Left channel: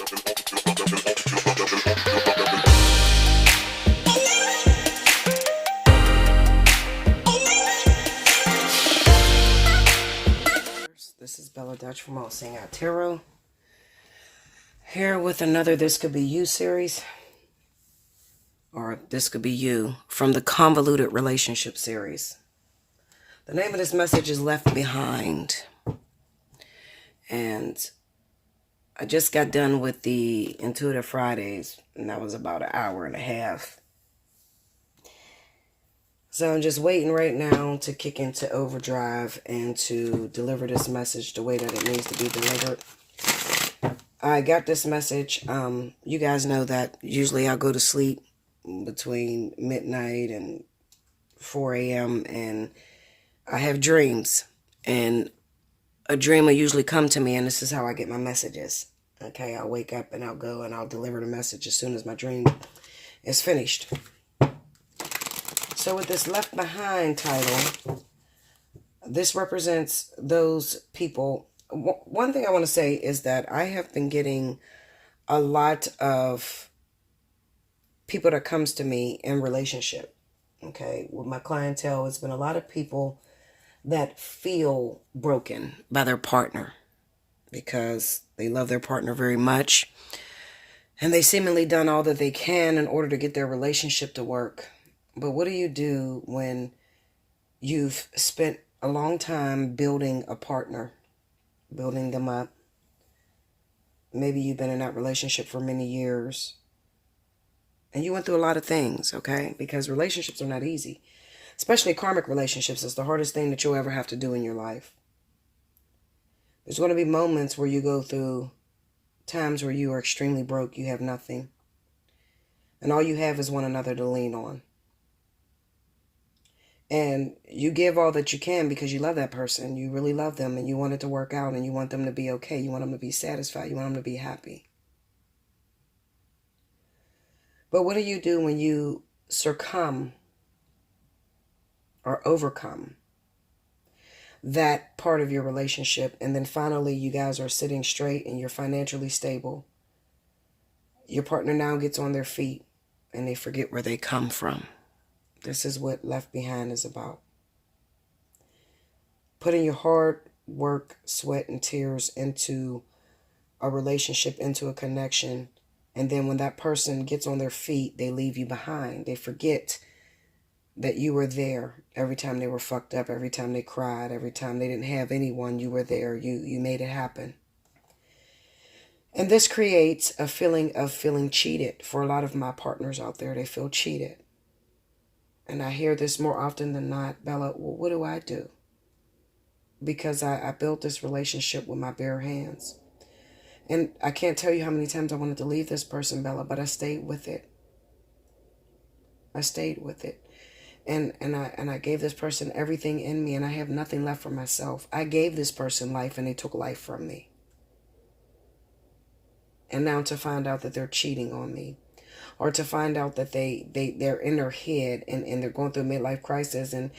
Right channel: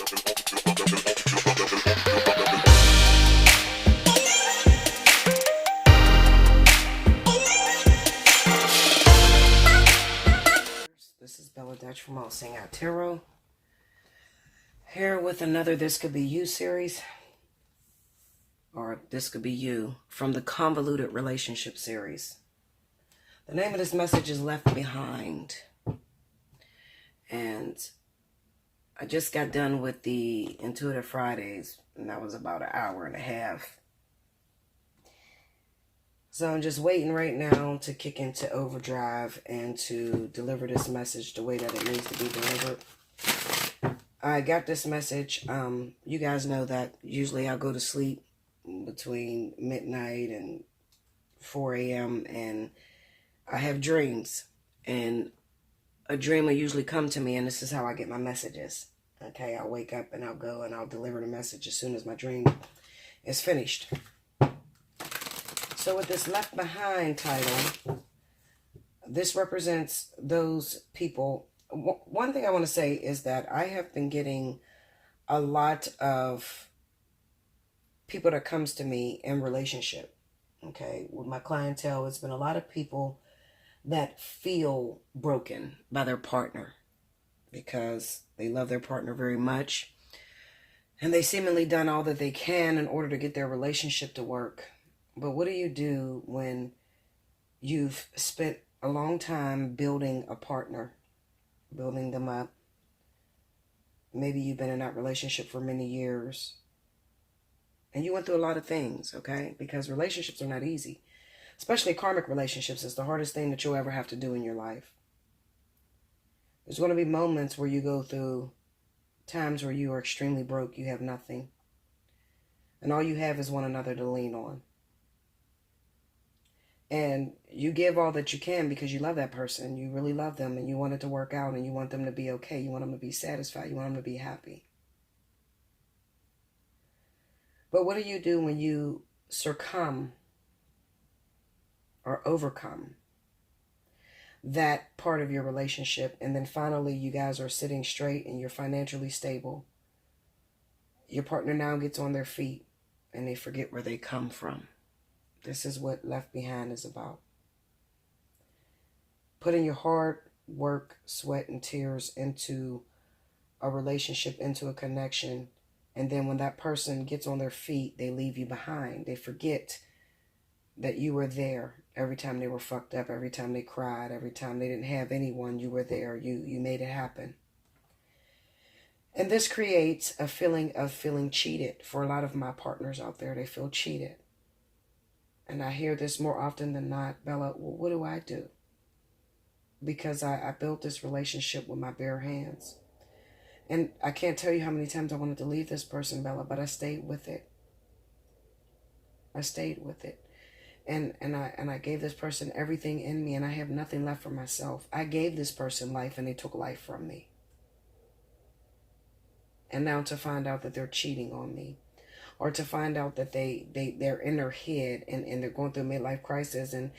This is Bella Dutch from Allseeingeyetarot. Here with another This Could Be You series. Or This Could Be You from the Convoluted Relationship series. The name of this message is Left Behind. And I just got done with the Intuitive Fridays, and that was about an hour and a half. So I'm just waiting right now to kick into overdrive and to deliver this message the way that it needs to be delivered. I got this message. You guys know that usually I go to sleep between midnight and 4 a.m. and I have dreams. And a dream will usually come to me, and this is how I get my messages. Okay, I'll wake up and I'll go and I'll deliver the message as soon as my dream is finished. So with this Left Behind title, this represents those people. One thing I want to say is that I have been getting a lot of people that comes to me in relationship. Okay, with my clientele, it's been a lot of people that feel broken by their partner because they love their partner very much. And they seemingly done all that they can in order to get their relationship to work. But what do you do when you've spent a long time building a partner, building them up? Maybe you've been in that relationship for many years. And you went through a lot of things, okay? Because relationships are not easy. Especially karmic relationships is the hardest thing that you'll ever have to do in your life. There's going to be moments where you go through times where you are extremely broke, you have nothing. And all you have is one another to lean on. And you give all that you can because you love that person. You really love them and you want it to work out and you want them to be okay. You want them to be satisfied. You want them to be happy. But what do you do when you succumb or overcome that part of your relationship, and then finally you guys are sitting straight and you're financially stable? Your partner now gets on their feet and they forget where they come from. This is what Left Behind is about. Putting your hard work, sweat, and tears into a relationship, into a connection, and then when that person gets on their feet, they leave you behind. They forget that you were there every time they were fucked up, every time they cried, every time they didn't have anyone, you were there. You made it happen. And this creates a feeling of feeling cheated. For a lot of my partners out there, they feel cheated. And I hear this more often than not, Bella, well, what do I do? Because I built this relationship with my bare hands. And I can't tell you how many times I wanted to leave this person, Bella, but I stayed with it. I stayed with it. And I gave this person everything in me, and I have nothing left for myself. I gave this person life, and they took life from me. And now to find out that they're cheating on me, or to find out that they're in their head and they're going through a midlife crisis, and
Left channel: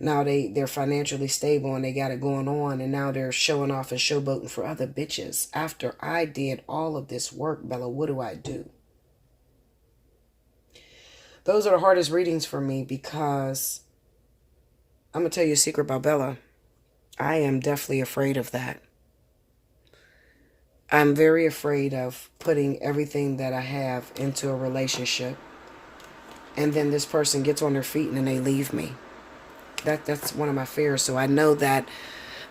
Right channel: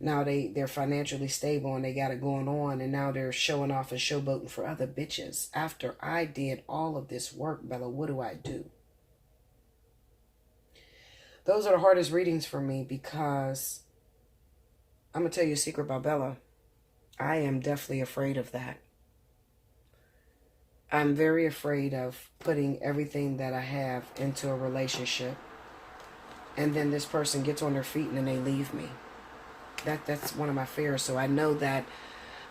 now they're financially stable and they got it going on, and now they're showing off and showboating for other bitches. After I did all of this work, Bella, what do I do? Those are the hardest readings for me because I'm going to tell you a secret about Bella. I am definitely afraid of that. I'm very afraid of putting everything that I have into a relationship, and then this person gets on their feet and then they leave me. That's one of my fears. So I know that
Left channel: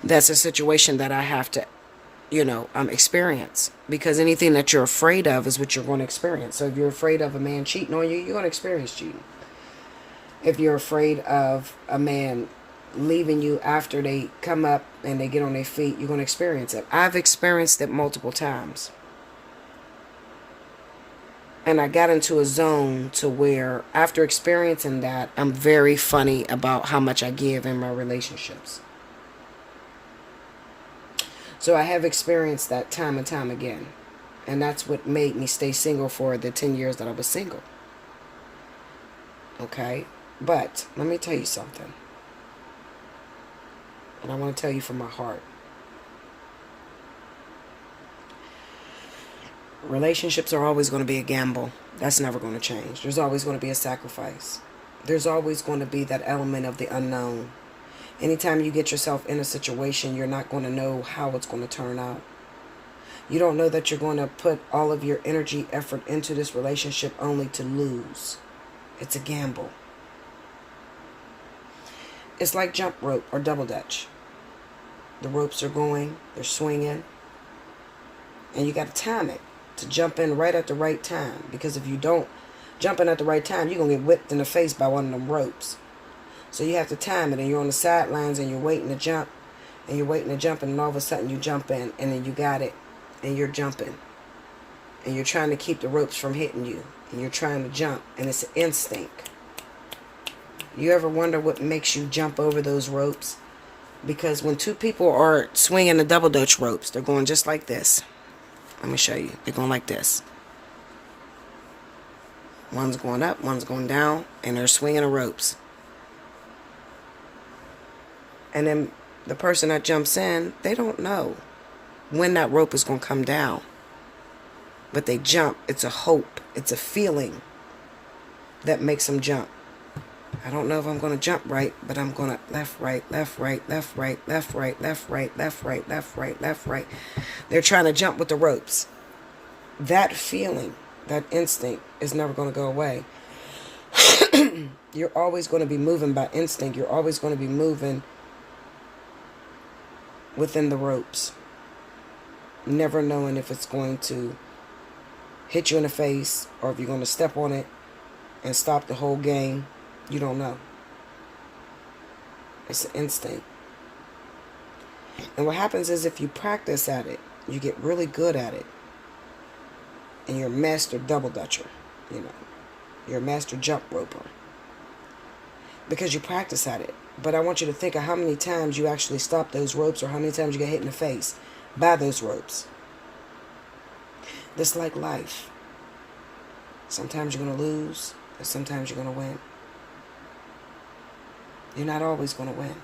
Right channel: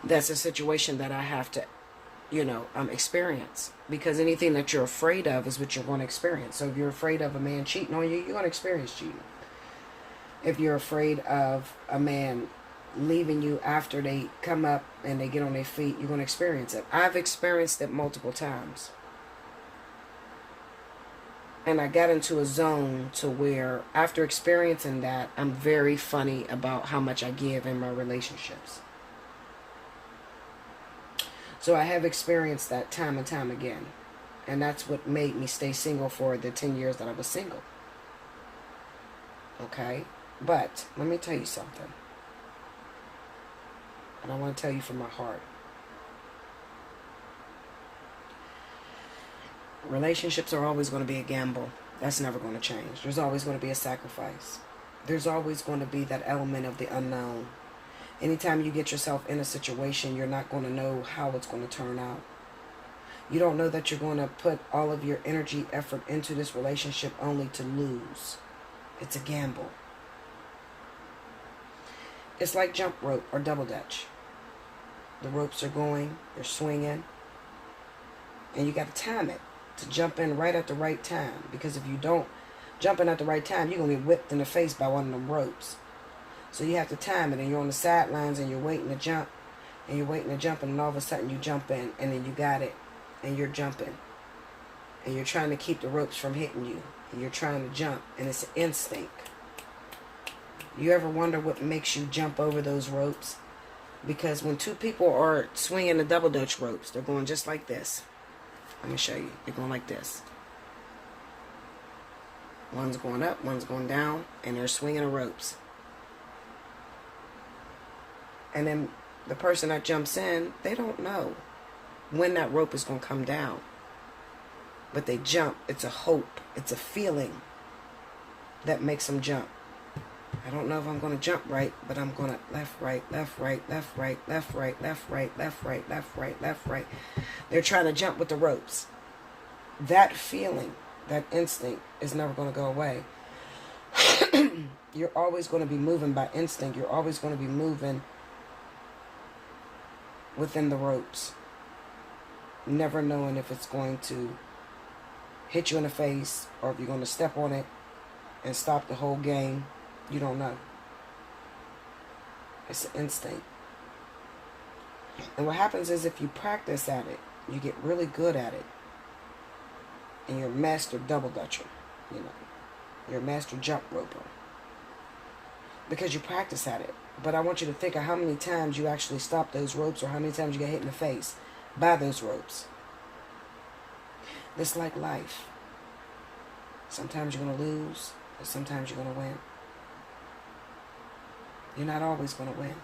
that's a situation that I have to, experience, because anything that you're afraid of is what you're going to experience. So if you're afraid of a man cheating on you, you're going to experience cheating. If you're afraid of a man leaving you after they come up and they get on their feet, you're going to experience it. I've experienced it multiple times. And I got into a zone to where after experiencing that, I'm very funny about how much I give in my relationships. So I have experienced that time and time again. And that's what made me stay single for the 10 years that I was single. Okay? But let me tell you something. And I want to tell you from my heart. Relationships are always going to be a gamble. That's never going to change. There's always going to be a sacrifice. There's always going to be that element of the unknown. Anytime you get yourself in a situation, you're not going to know how it's going to turn out. You don't know that you're going to put all of your energy, effort into this relationship only to lose. It's a gamble. It's like jump rope or double dutch. The ropes are going, they're swinging, and you got to time it to jump in right at the right time. Because if you don't jump in at the right time, you're going to get whipped in the face by one of them ropes. So you have to time it, and you're on the sidelines, and you're waiting to jump, and you're waiting to jump, and all of a sudden you jump in, and then you got it, and you're jumping. And you're trying to keep the ropes from hitting you, and you're trying to jump, and it's an instinct. You ever wonder what makes you jump over those ropes? Because when two people are swinging the double dutch ropes, they're going just like this. Let me show you. They're going like this. One's going up, one's going down, and they're swinging the ropes. And then the person that jumps in, they don't know when that rope is going to come down. But they jump. It's a hope. It's a feeling that makes them jump. I don't know if I'm going to jump right, but I'm going to left, right, left, right, left, right, left, right, left, right, left, right, left, right, left, right. They're trying to jump with the ropes. That feeling, that instinct is never going to go away. You're always going to be moving by instinct. You're always going to be moving within the ropes. Never knowing if it's going to hit you in the face or if you're going to step on it and stop the whole game. You don't know. It's an instinct. And what happens is if you practice at it, you get really good at it. And you're a master double dutcher. You know, you're a master jump roper. Because you practice at it. But I want you to think of how many times you actually stop those ropes or how many times you get hit in the face by those ropes. It's like life. Sometimes you're going to lose, and sometimes you're going to win. You're not always going to win.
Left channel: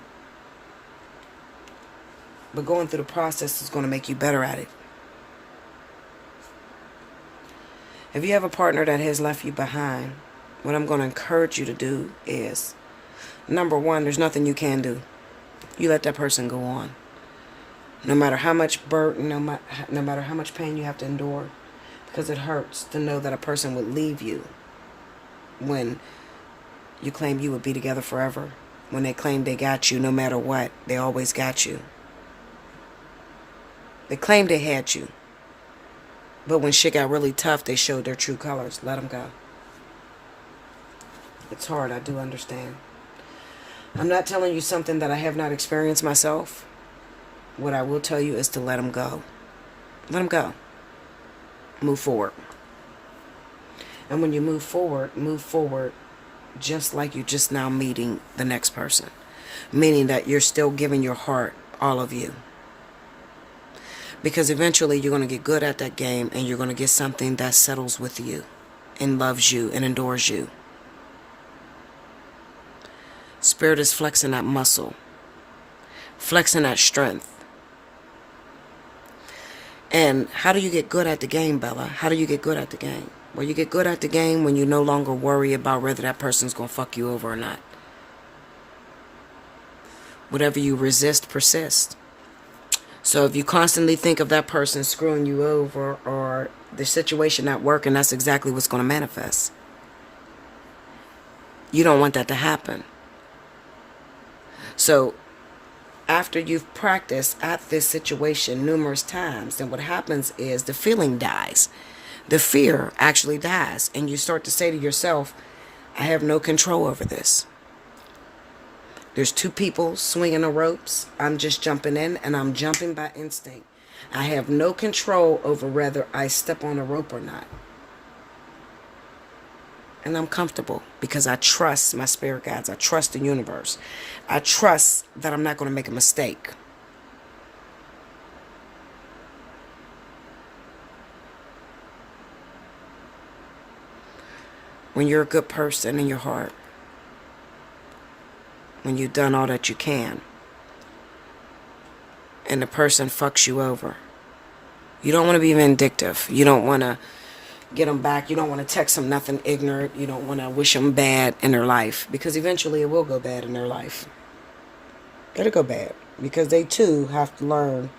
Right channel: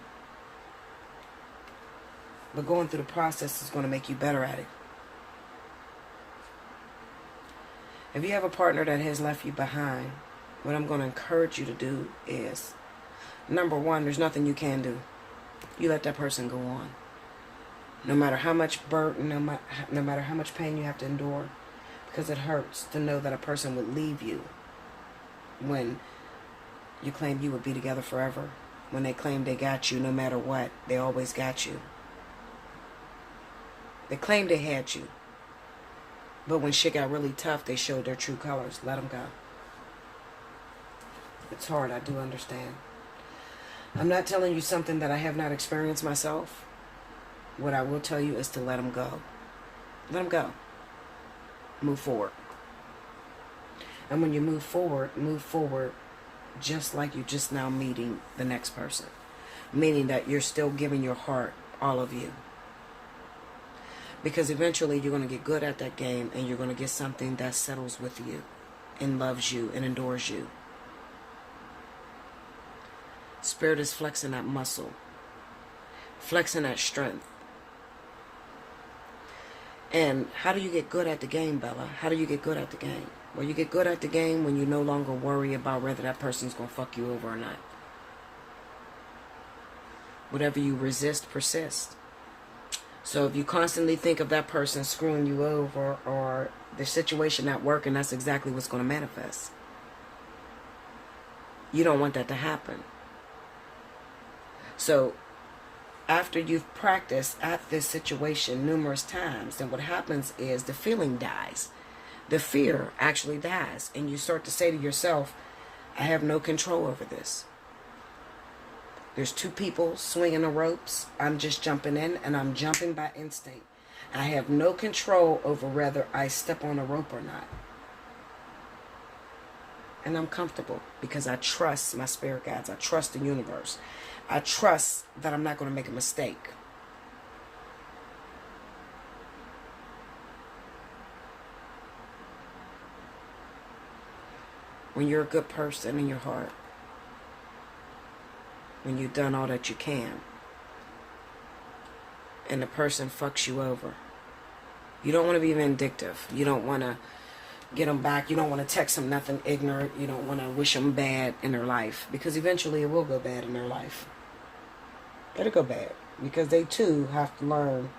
But going through the process is going to make you better at it. If you have a partner that has left you behind, what I'm going to encourage you to do is, number one, there's nothing you can do. You let that person go on. No matter how much burden, no matter how much pain you have to endure, because it hurts to know that a person would leave you when you claim you would be together forever. When they claim they got you no matter what, they always got you. They claimed they had you. But when shit got really tough, they showed their true colors. Let them go. It's hard, I do understand. I'm not telling you something that I have not experienced myself. What I will tell you is to let them go. Let them go. Move forward. And when you move forward just like you just now meeting the next person. Meaning that you're still giving your heart, all of you. Because eventually you're going to get good at that game and you're going to get something that settles with you and loves you and adores you. Spirit is flexing that muscle. Flexing that strength. And how do you get good at the game, Bella? How do you get good at the game? Well, you get good at the game when you no longer worry about whether that person's going to fuck you over or not. Whatever you resist, persists. So if you constantly think of that person screwing you over or the situation at work, and that's exactly what's going to manifest. You don't want that to happen. So after you've practiced at this situation numerous times, then what happens is the feeling dies. The fear actually dies. And you start to say to yourself, I have no control over this. There's two people swinging the ropes. I'm just jumping in, and I'm jumping by instinct. I have no control over whether I step on a rope or not. And I'm comfortable because I trust my spirit guides. I trust the universe. I trust that I'm not going to make a mistake. When you're a good person in your heart, when you've done all that you can, and the person fucks you over, You don't want to be vindictive. You don't want to get them back. You don't want to text them nothing ignorant. You don't want to wish them bad in their life, because eventually it will go bad in their life. It'll go bad because they too have to learn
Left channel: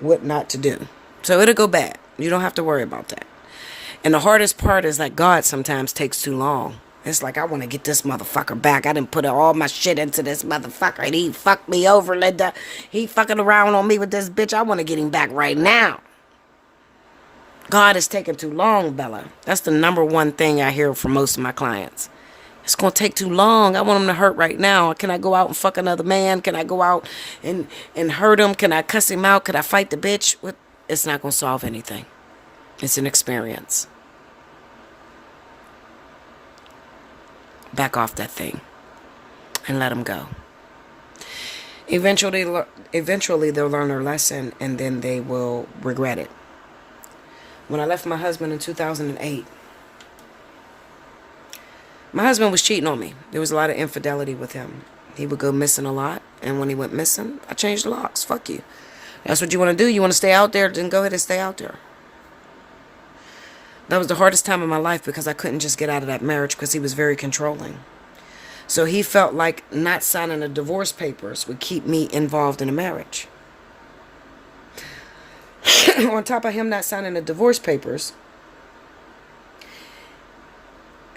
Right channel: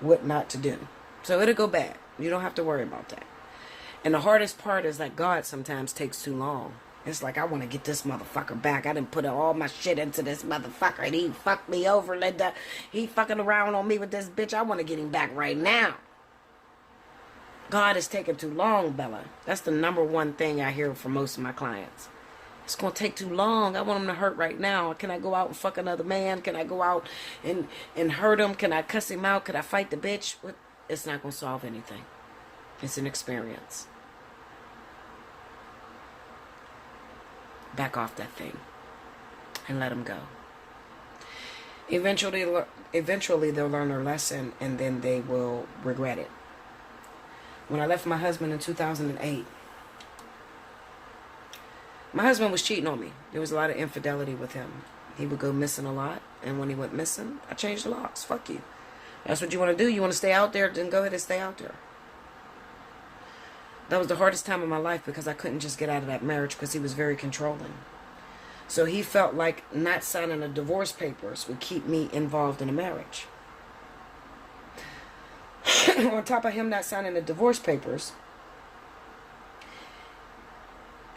what not to do. So it'll go bad. You don't have to worry about that. And the hardest part is like God sometimes takes too long. It's like, I want to get this motherfucker back. I didn't put all my shit into this motherfucker and he fucked me over, Linda. He fucking around on me with this bitch. I want to get him back right now. God is taking too long, Bella. That's the number one thing I hear from most of my clients. It's going to take too long. I want him to hurt right now. Can I go out and fuck another man? Can I go out and hurt him? Can I cuss him out? Could I fight the bitch? It's not going to solve anything. It's an experience. Back off that thing and let them go. Eventually they'll learn their lesson, and then they will regret it. When I left my husband in 2008, my husband was cheating on me. There was a lot of infidelity with him. He would go missing a lot, and when he went missing, I changed the locks. Fuck you. That's what you want to do. You want to stay out there, then go ahead and stay out there. That was the hardest time of my life because I couldn't just get out of that marriage because he was very controlling. So he felt like not signing the divorce papers would keep me involved in a marriage. On top of him not signing the divorce papers,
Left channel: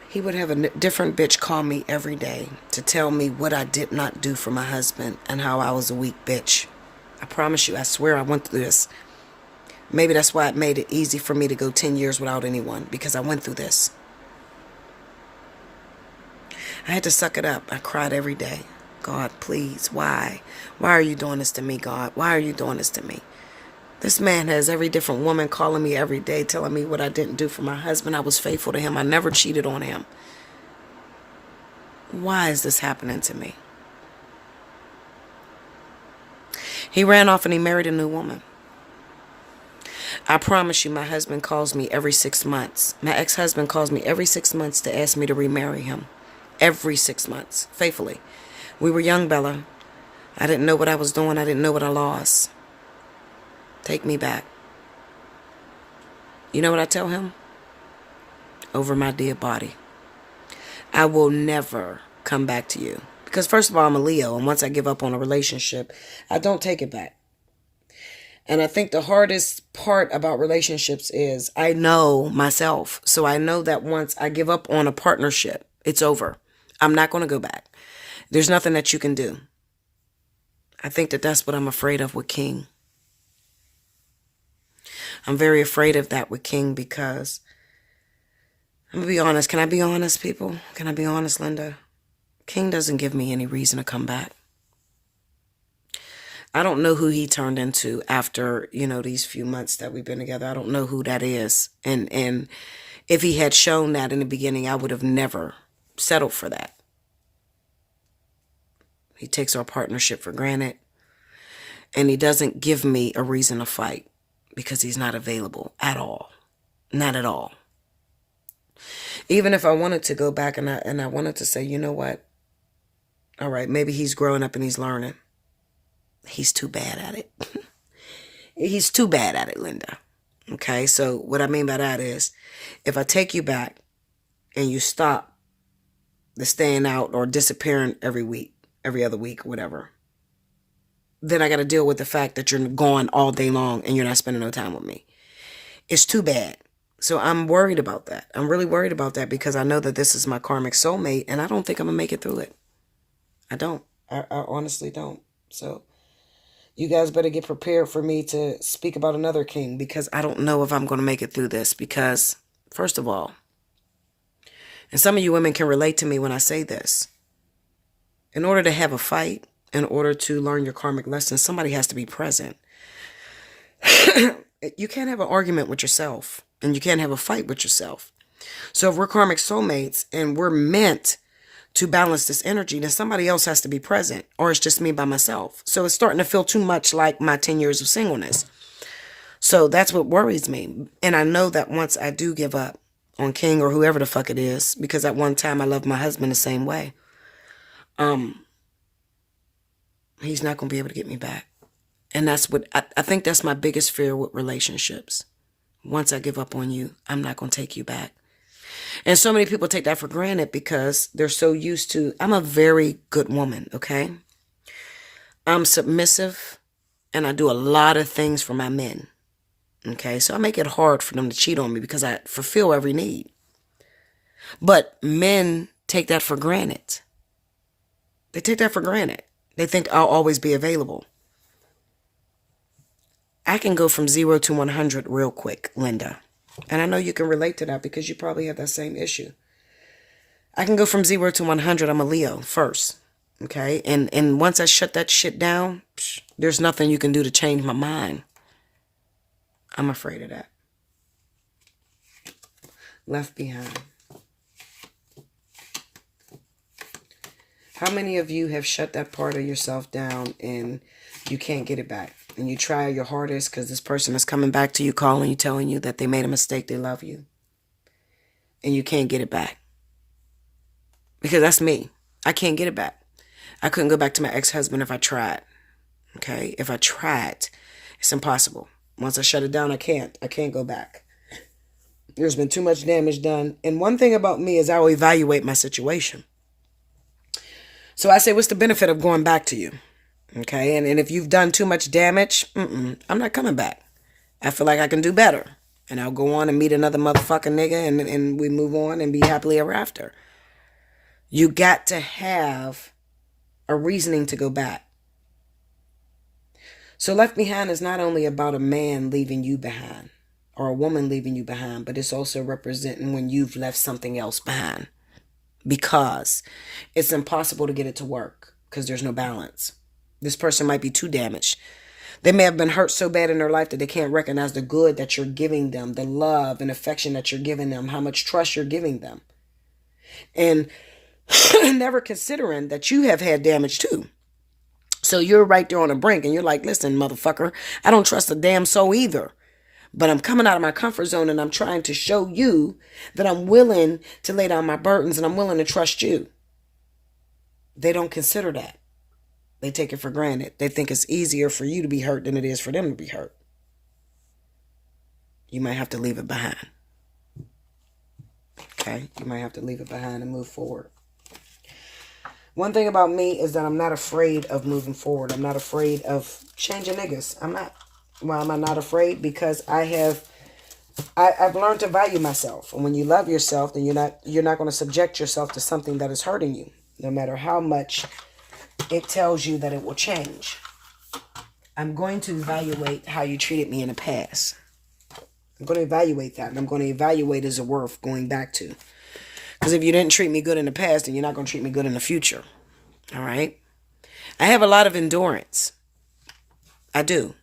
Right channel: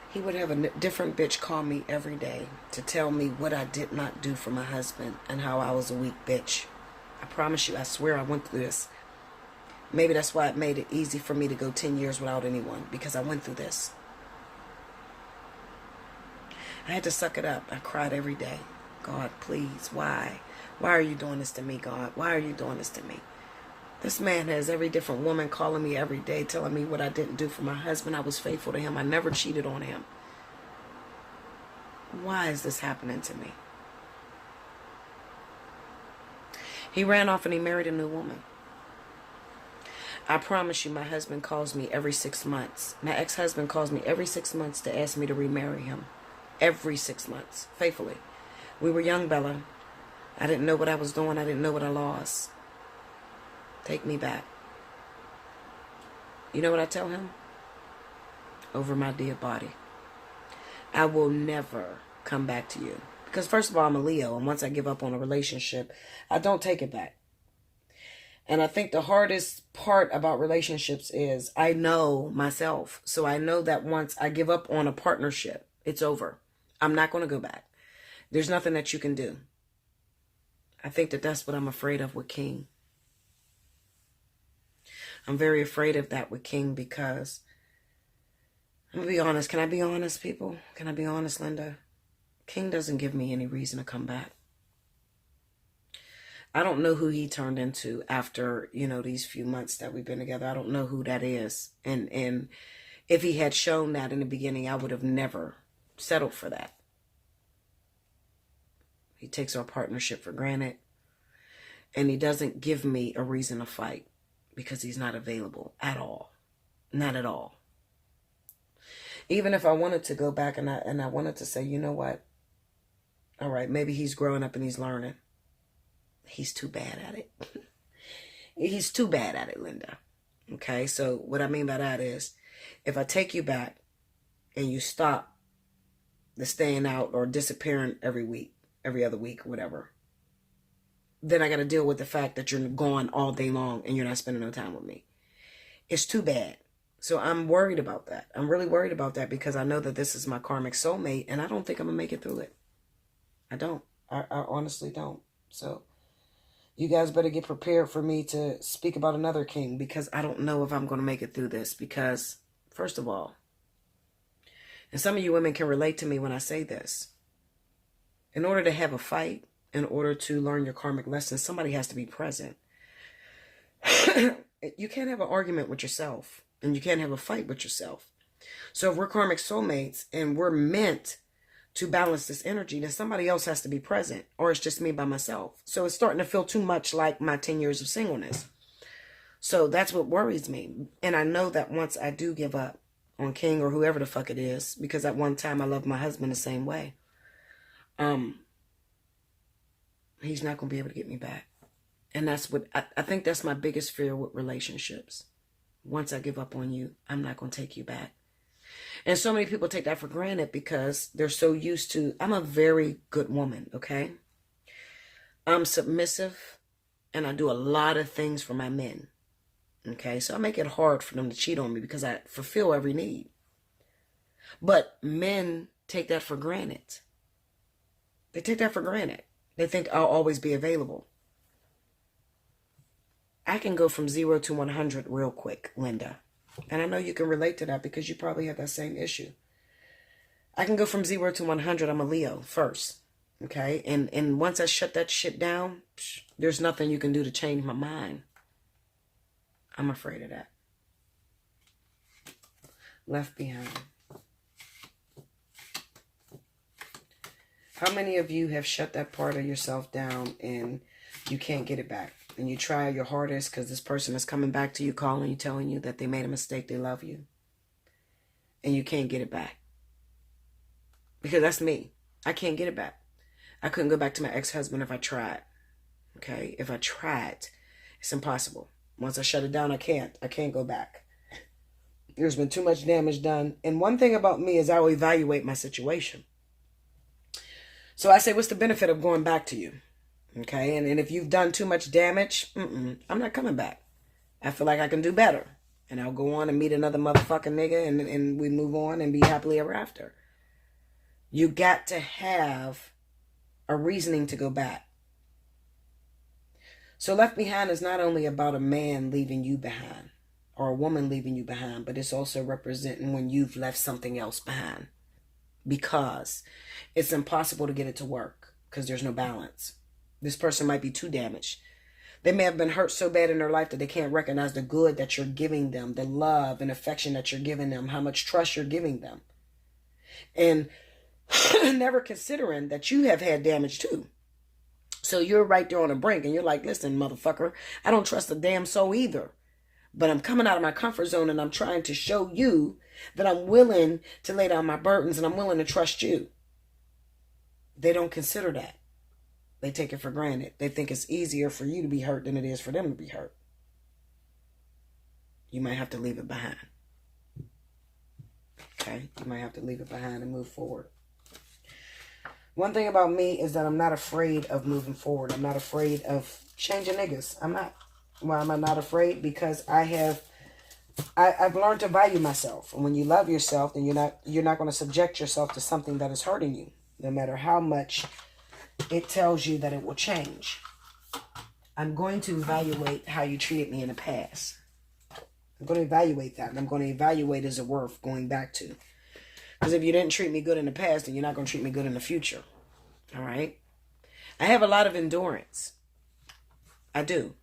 he would have a different bitch call me every day to tell me what I did not do for my husband and how I was a weak bitch. I promise you, I swear I went through this. Maybe that's why it made it easy for me to go 10 years without anyone, because I went through this. I had to suck it up. I cried every day. God, please, why? Why are you doing this to me, God? Why are you doing this to me? This man has every different woman calling me every day, telling me what I didn't do for my husband. I was faithful to him. I never cheated on him. Why is this happening to me? He ran off and he married a new woman. I promise you, my husband calls me every 6 months. My ex-husband calls me every 6 months to ask me to remarry him. Every 6 months, faithfully. We were young, Bella. I didn't know what I was doing. I didn't know what I lost. Take me back. You know what I tell him? Over my dead body. I will never come back to you. Because first of all, I'm a Leo, and once I give up on a relationship, I don't take it back. And I think the hardest part about relationships is I know myself. So I know that once I give up on a partnership, it's over. I'm not going to go back. There's nothing that you can do. I think that that's what I'm afraid of with King. I'm very afraid of that with King because, I'm going to be honest. Can I be honest, people? Can I be honest, Linda? King doesn't give me any reason to come back. I don't know who he turned into after, these few months that we've been together. I don't know who that is. And if he had shown that in the beginning, I would have never settled for that. He takes our partnership for granted. And he doesn't give me a reason to fight because he's not available at all. Not at all. Even if I wanted to go back and I wanted to say, you know what? All right, maybe he's growing up and he's learning. He's too bad at it. He's too bad at it, Linda. Okay, so what I mean by that is, if I take you back and you stop the staying out or disappearing every week, every other week, whatever, then I got to deal with the fact that you're gone all day long and you're not spending no time with me. It's too bad. So I'm worried about that. I'm really worried about that because I know that this is my karmic soulmate and I don't think I'm going to make it through it. I don't. I honestly don't. So you guys better get prepared for me to speak about another king because I don't know if I'm going to make it through this because, first of all, and some of you women can relate to me when I say this, in order to have a fight, in order to learn your karmic lessons, somebody has to be present. You can't have an argument with yourself and you can't have a fight with yourself. So if we're karmic soulmates and we're meant to balance this energy, then somebody else has to be present, or it's just me by myself. So it's starting to feel too much like my 10 years of singleness. So that's what worries me. And I know that once I do give up on King or whoever the fuck it is, because at one time I loved my husband the same way, he's not going to be able to get me back. And that's what I think that's my biggest fear with relationships. Once I give up on you, I'm not going to take you back. And so many people take that for granted because they're so used to, I'm a very good woman, okay? I'm submissive and I do a lot of things for my men, okay? So I make it hard for them to cheat on me because I fulfill every need. But men take that for granted. They take that for granted. They think I'll always be available. I can go from 0 to 100 real quick, Linda. And I know you can relate to that because you probably have that same issue. I can go from 0 to 100. I'm a Leo first. Okay? And once I shut that shit down, there's nothing you can do to change my mind. I'm afraid of that. Left behind. How many of you have shut that part of yourself down and you can't get it back? And you try your hardest because this person is coming back to you, calling you, telling you that they made a mistake, they love you. And you can't get it back. Because that's me. I can't get it back. I couldn't go back to my ex-husband if I tried. Okay? If I tried, it's impossible. Once I shut it down, I can't. I can't go back. There's been too much damage done. And one thing about me is I'll evaluate my situation. So I say, what's the benefit of going back to you? Okay, and if you've done too much damage, I'm not coming back. I feel like I can do better. And I'll go on and meet another motherfucking nigga and we move on and be happily ever after. You got to have a reasoning to go back. So left behind is not only about a man leaving you behind or a woman leaving you behind, but it's also representing when you've left something else behind. Because it's impossible to get it to work because there's no balance. This person might be too damaged. They may have been hurt so bad in their life that they can't recognize the good that you're giving them, the love and affection that you're giving them, how much trust you're giving them. And never considering that you have had damage too. So you're right there on the brink and you're like, listen, motherfucker, I don't trust a damn soul either. But I'm coming out of my comfort zone and I'm trying to show you that I'm willing to lay down my burdens and I'm willing to trust you. They don't consider that. They take it for granted. They think it's easier for you to be hurt than it is for them to be hurt. You might have to leave it behind. Okay? You might have to leave it behind and move forward. One thing about me is that I'm not afraid of moving forward. I'm not afraid of changing niggas. I'm not. Why am I not afraid? Because I've learned to value myself. And when you love yourself, then you're not going to subject yourself to something that is hurting you, no matter how much it tells you that it will change. I'm going to evaluate how you treated me in the past. I'm going to evaluate that. And I'm going to evaluate as a worth going back to. Because if you didn't treat me good in the past, then you're not going to treat me good in the future. All right? I have a lot of endurance. I do.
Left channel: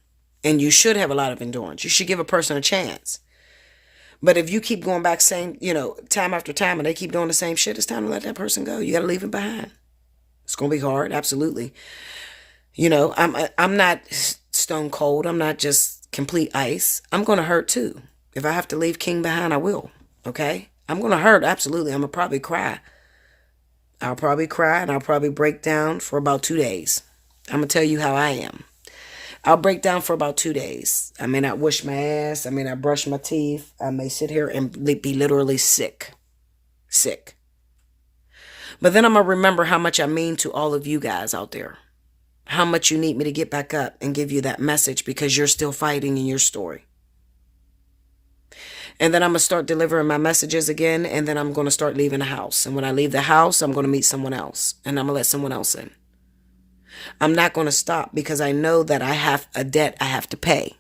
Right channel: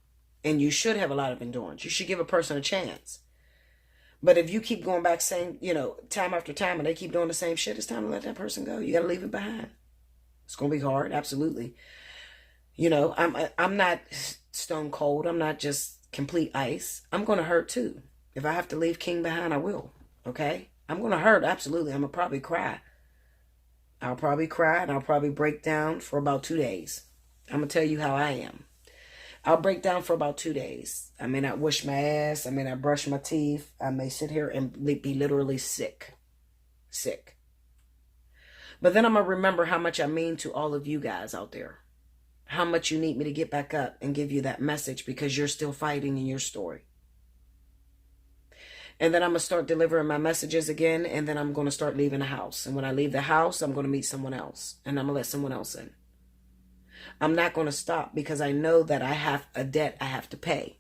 And you should have a lot of endurance. You should give a person a chance. But if you keep going back saying, time after time, and they keep doing the same shit, it's time to let that person go. You got to leave it behind. It's going to be hard. Absolutely. I'm not stone cold. I'm not just complete ice. I'm going to hurt too. If I have to leave King behind, I will. Okay? I'm going to hurt. Absolutely. I'm going to probably cry. I'll probably cry and I'll probably break down for about 2 days. I'm going to tell you how I am. I'll break down for about 2 days. I may not wash my ass. I may not brush my teeth. I may sit here and be literally sick. Sick. But then I'm going to remember how much I mean to all of you guys out there. How much you need me to get back up and give you that message because you're still fighting in your story. And then I'm going to start delivering my messages again. And then I'm going to start leaving the house. And when I leave the house, I'm going to meet someone else. And I'm going to let someone else in. I'm not going to stop because I know that I have a debt I have to pay.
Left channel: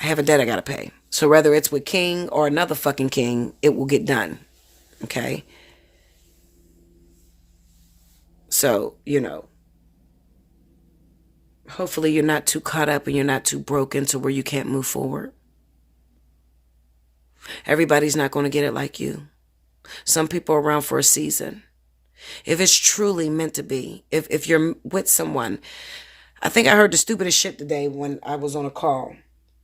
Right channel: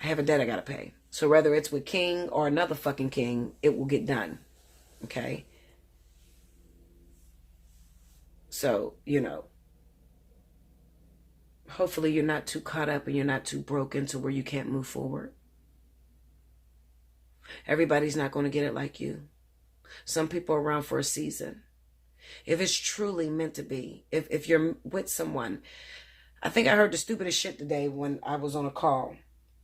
I have a debt I got to pay. So whether it's with King or another fucking King, it will get done. Okay? So, hopefully you're not too caught up and you're not too broken to where you can't move forward. Everybody's not going to get it like you. Some people are around for a season. If it's truly meant to be, if you're with someone, I think I heard the stupidest shit today when I was on a call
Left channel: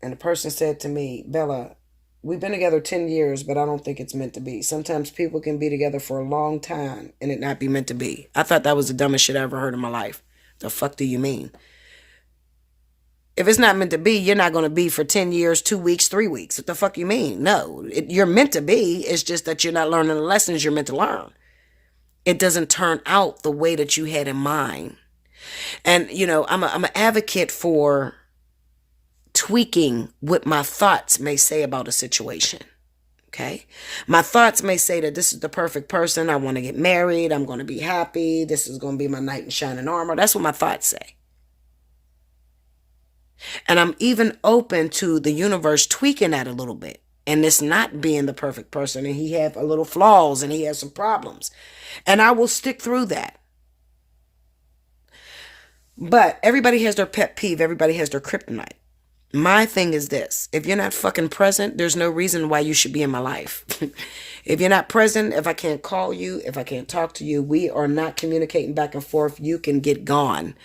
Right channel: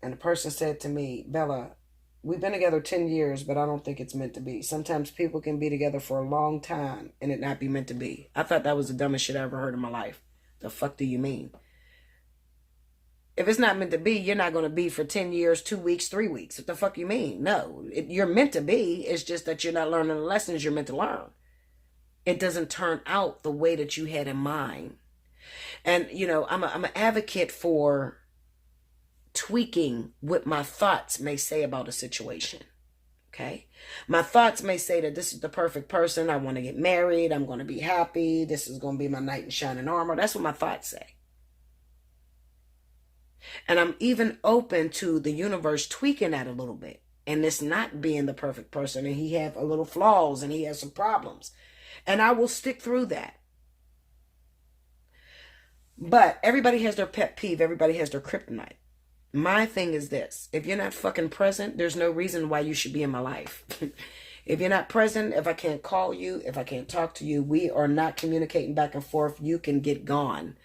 and the person said to me, Bella, we've been together 10 years, but I don't think it's meant to be. Sometimes people can be together for a long time and it not be meant to be. I thought that was the dumbest shit I ever heard in my life. The fuck do you mean? If it's not meant to be, you're not going to be for 10 years, 2 weeks, 3 weeks. What the fuck you mean? No, you're meant to be. It's just that you're not learning the lessons you're meant to learn. It doesn't turn out the way that you had in mind. And, you know, I'm an advocate for tweaking what my thoughts may say about a situation. Okay. My thoughts may say that this is the perfect person. I want to get married. I'm going to be happy. This is going to be my knight in shining armor. That's what my thoughts say. And I'm even open to the universe tweaking that a little bit. And this not being the perfect person. And he have a little flaws and he has some problems. And I will stick through that. But everybody has their pet peeve. Everybody has their kryptonite. My thing is this. If you're not fucking present, there's no reason why you should be in my life. If you're not present, if I can't call you, if I can't talk to you, we are not communicating back and forth, you can get gone.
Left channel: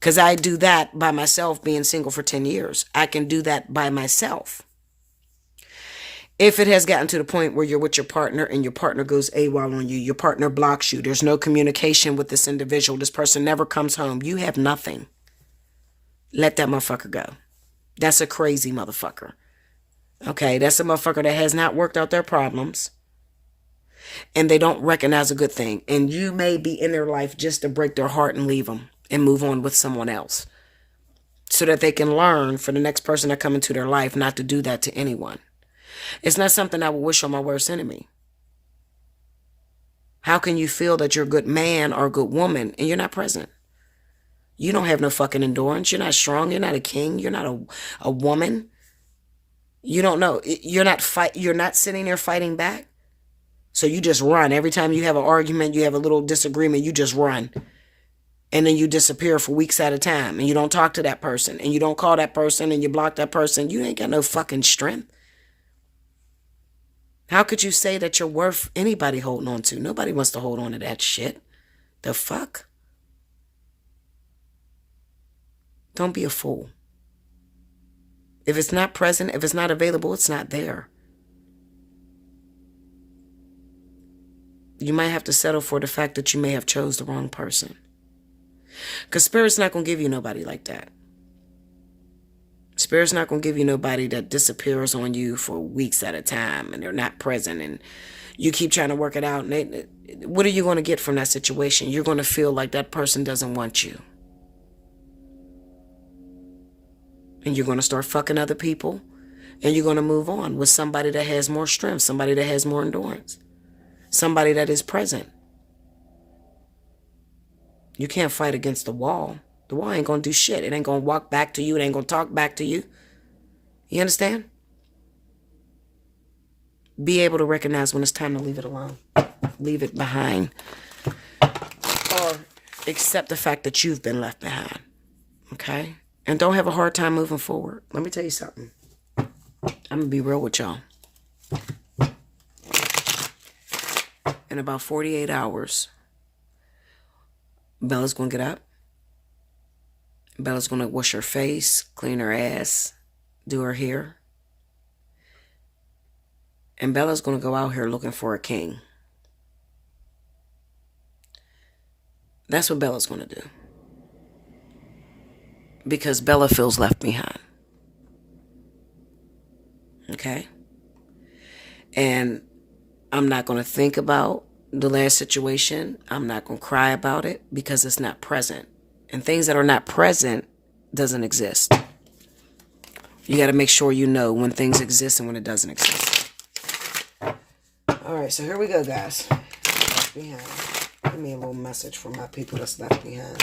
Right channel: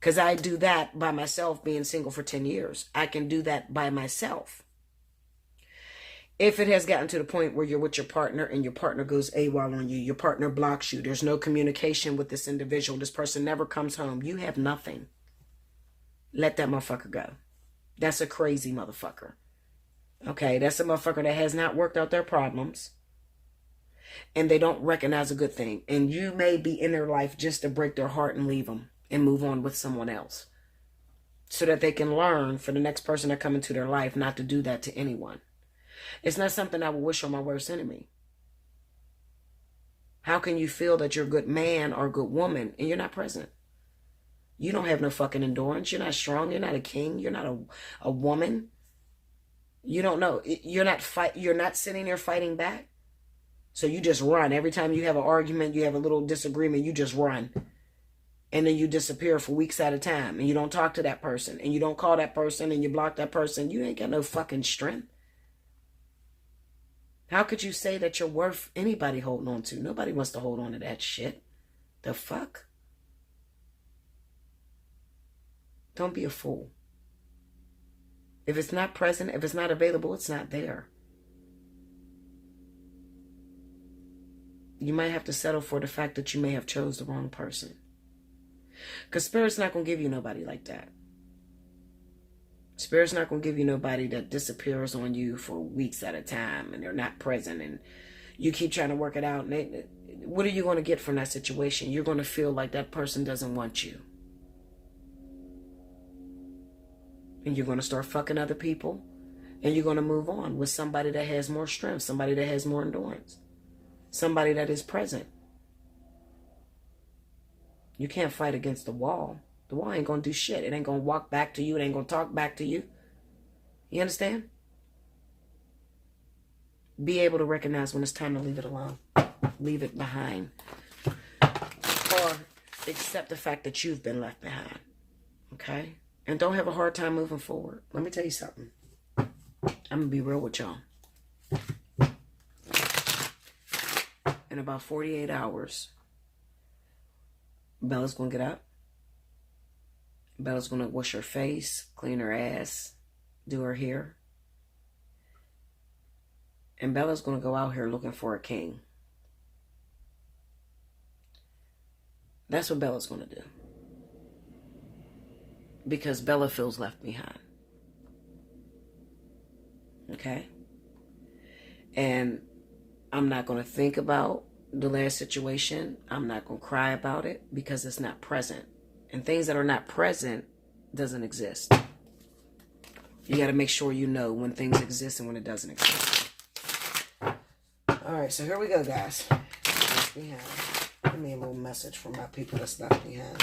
Because I do that by myself being single for 10 years. I can do that by myself. If it has gotten to the point where you're with your partner and your partner goes AWOL on you, your partner blocks you, there's no communication with this individual, this person never comes home, you have nothing. Let that motherfucker go. That's a crazy motherfucker. Okay, that's a motherfucker that has not worked out their problems. And they don't recognize a good thing. And you may be in their life just to break their heart and leave them and move on with someone else. So that they can learn for the next person that come into their life not to do that to anyone. It's not something I would wish on my worst enemy. How can you feel that you're a good man or a good woman and you're not present? You don't have no fucking endurance. You're not strong. You're not a king. You're not a woman. You don't know. You're not sitting there fighting back. So you just run. Every time you have an argument, you have a little disagreement, you just run. And then you disappear for weeks at a time. And you don't talk to that person. And you don't call that person. And you block that person. You ain't got no fucking strength. How could you say that you're worth anybody holding on to? Nobody wants to hold on to that shit. The fuck? Don't be a fool. If it's not present, if it's not available, it's not there. You might have to settle for the fact that you may have chose the wrong person. Because Spirit's not going to give you nobody like that. Spirit's not going to give you nobody that disappears on you for weeks at a time and they're not present and you keep trying to work it out. And what are you going to get from that situation? You're going to feel like that person doesn't want you. And you're going to start fucking other people. And you're going to move on with somebody that has more strength. Somebody that has more endurance. Somebody that is present. You can't fight against the wall. The wall ain't going to do shit. It ain't going to walk back to you. It ain't going to talk back to you. You understand? Be able to recognize when it's time to leave it alone. Leave it behind. Or accept the fact that you've been left behind. Okay? And don't have a hard time moving forward. Let me tell you something. I'm going to be real with y'all. In about 48 hours, Bella's going to get up. Bella's going to wash her face, clean her ass, do her hair. And Bella's going to go out here looking for a king. That's what Bella's going to do. Because Bella feels left behind. Okay? And I'm not going to think about the last situation. I'm not going to cry about it because it's not present. And things that are not present doesn't exist. You got to make sure you know when things exist and when it doesn't exist. All right, so here we go, guys. Left behind. Give me a little message from my people that's left behind.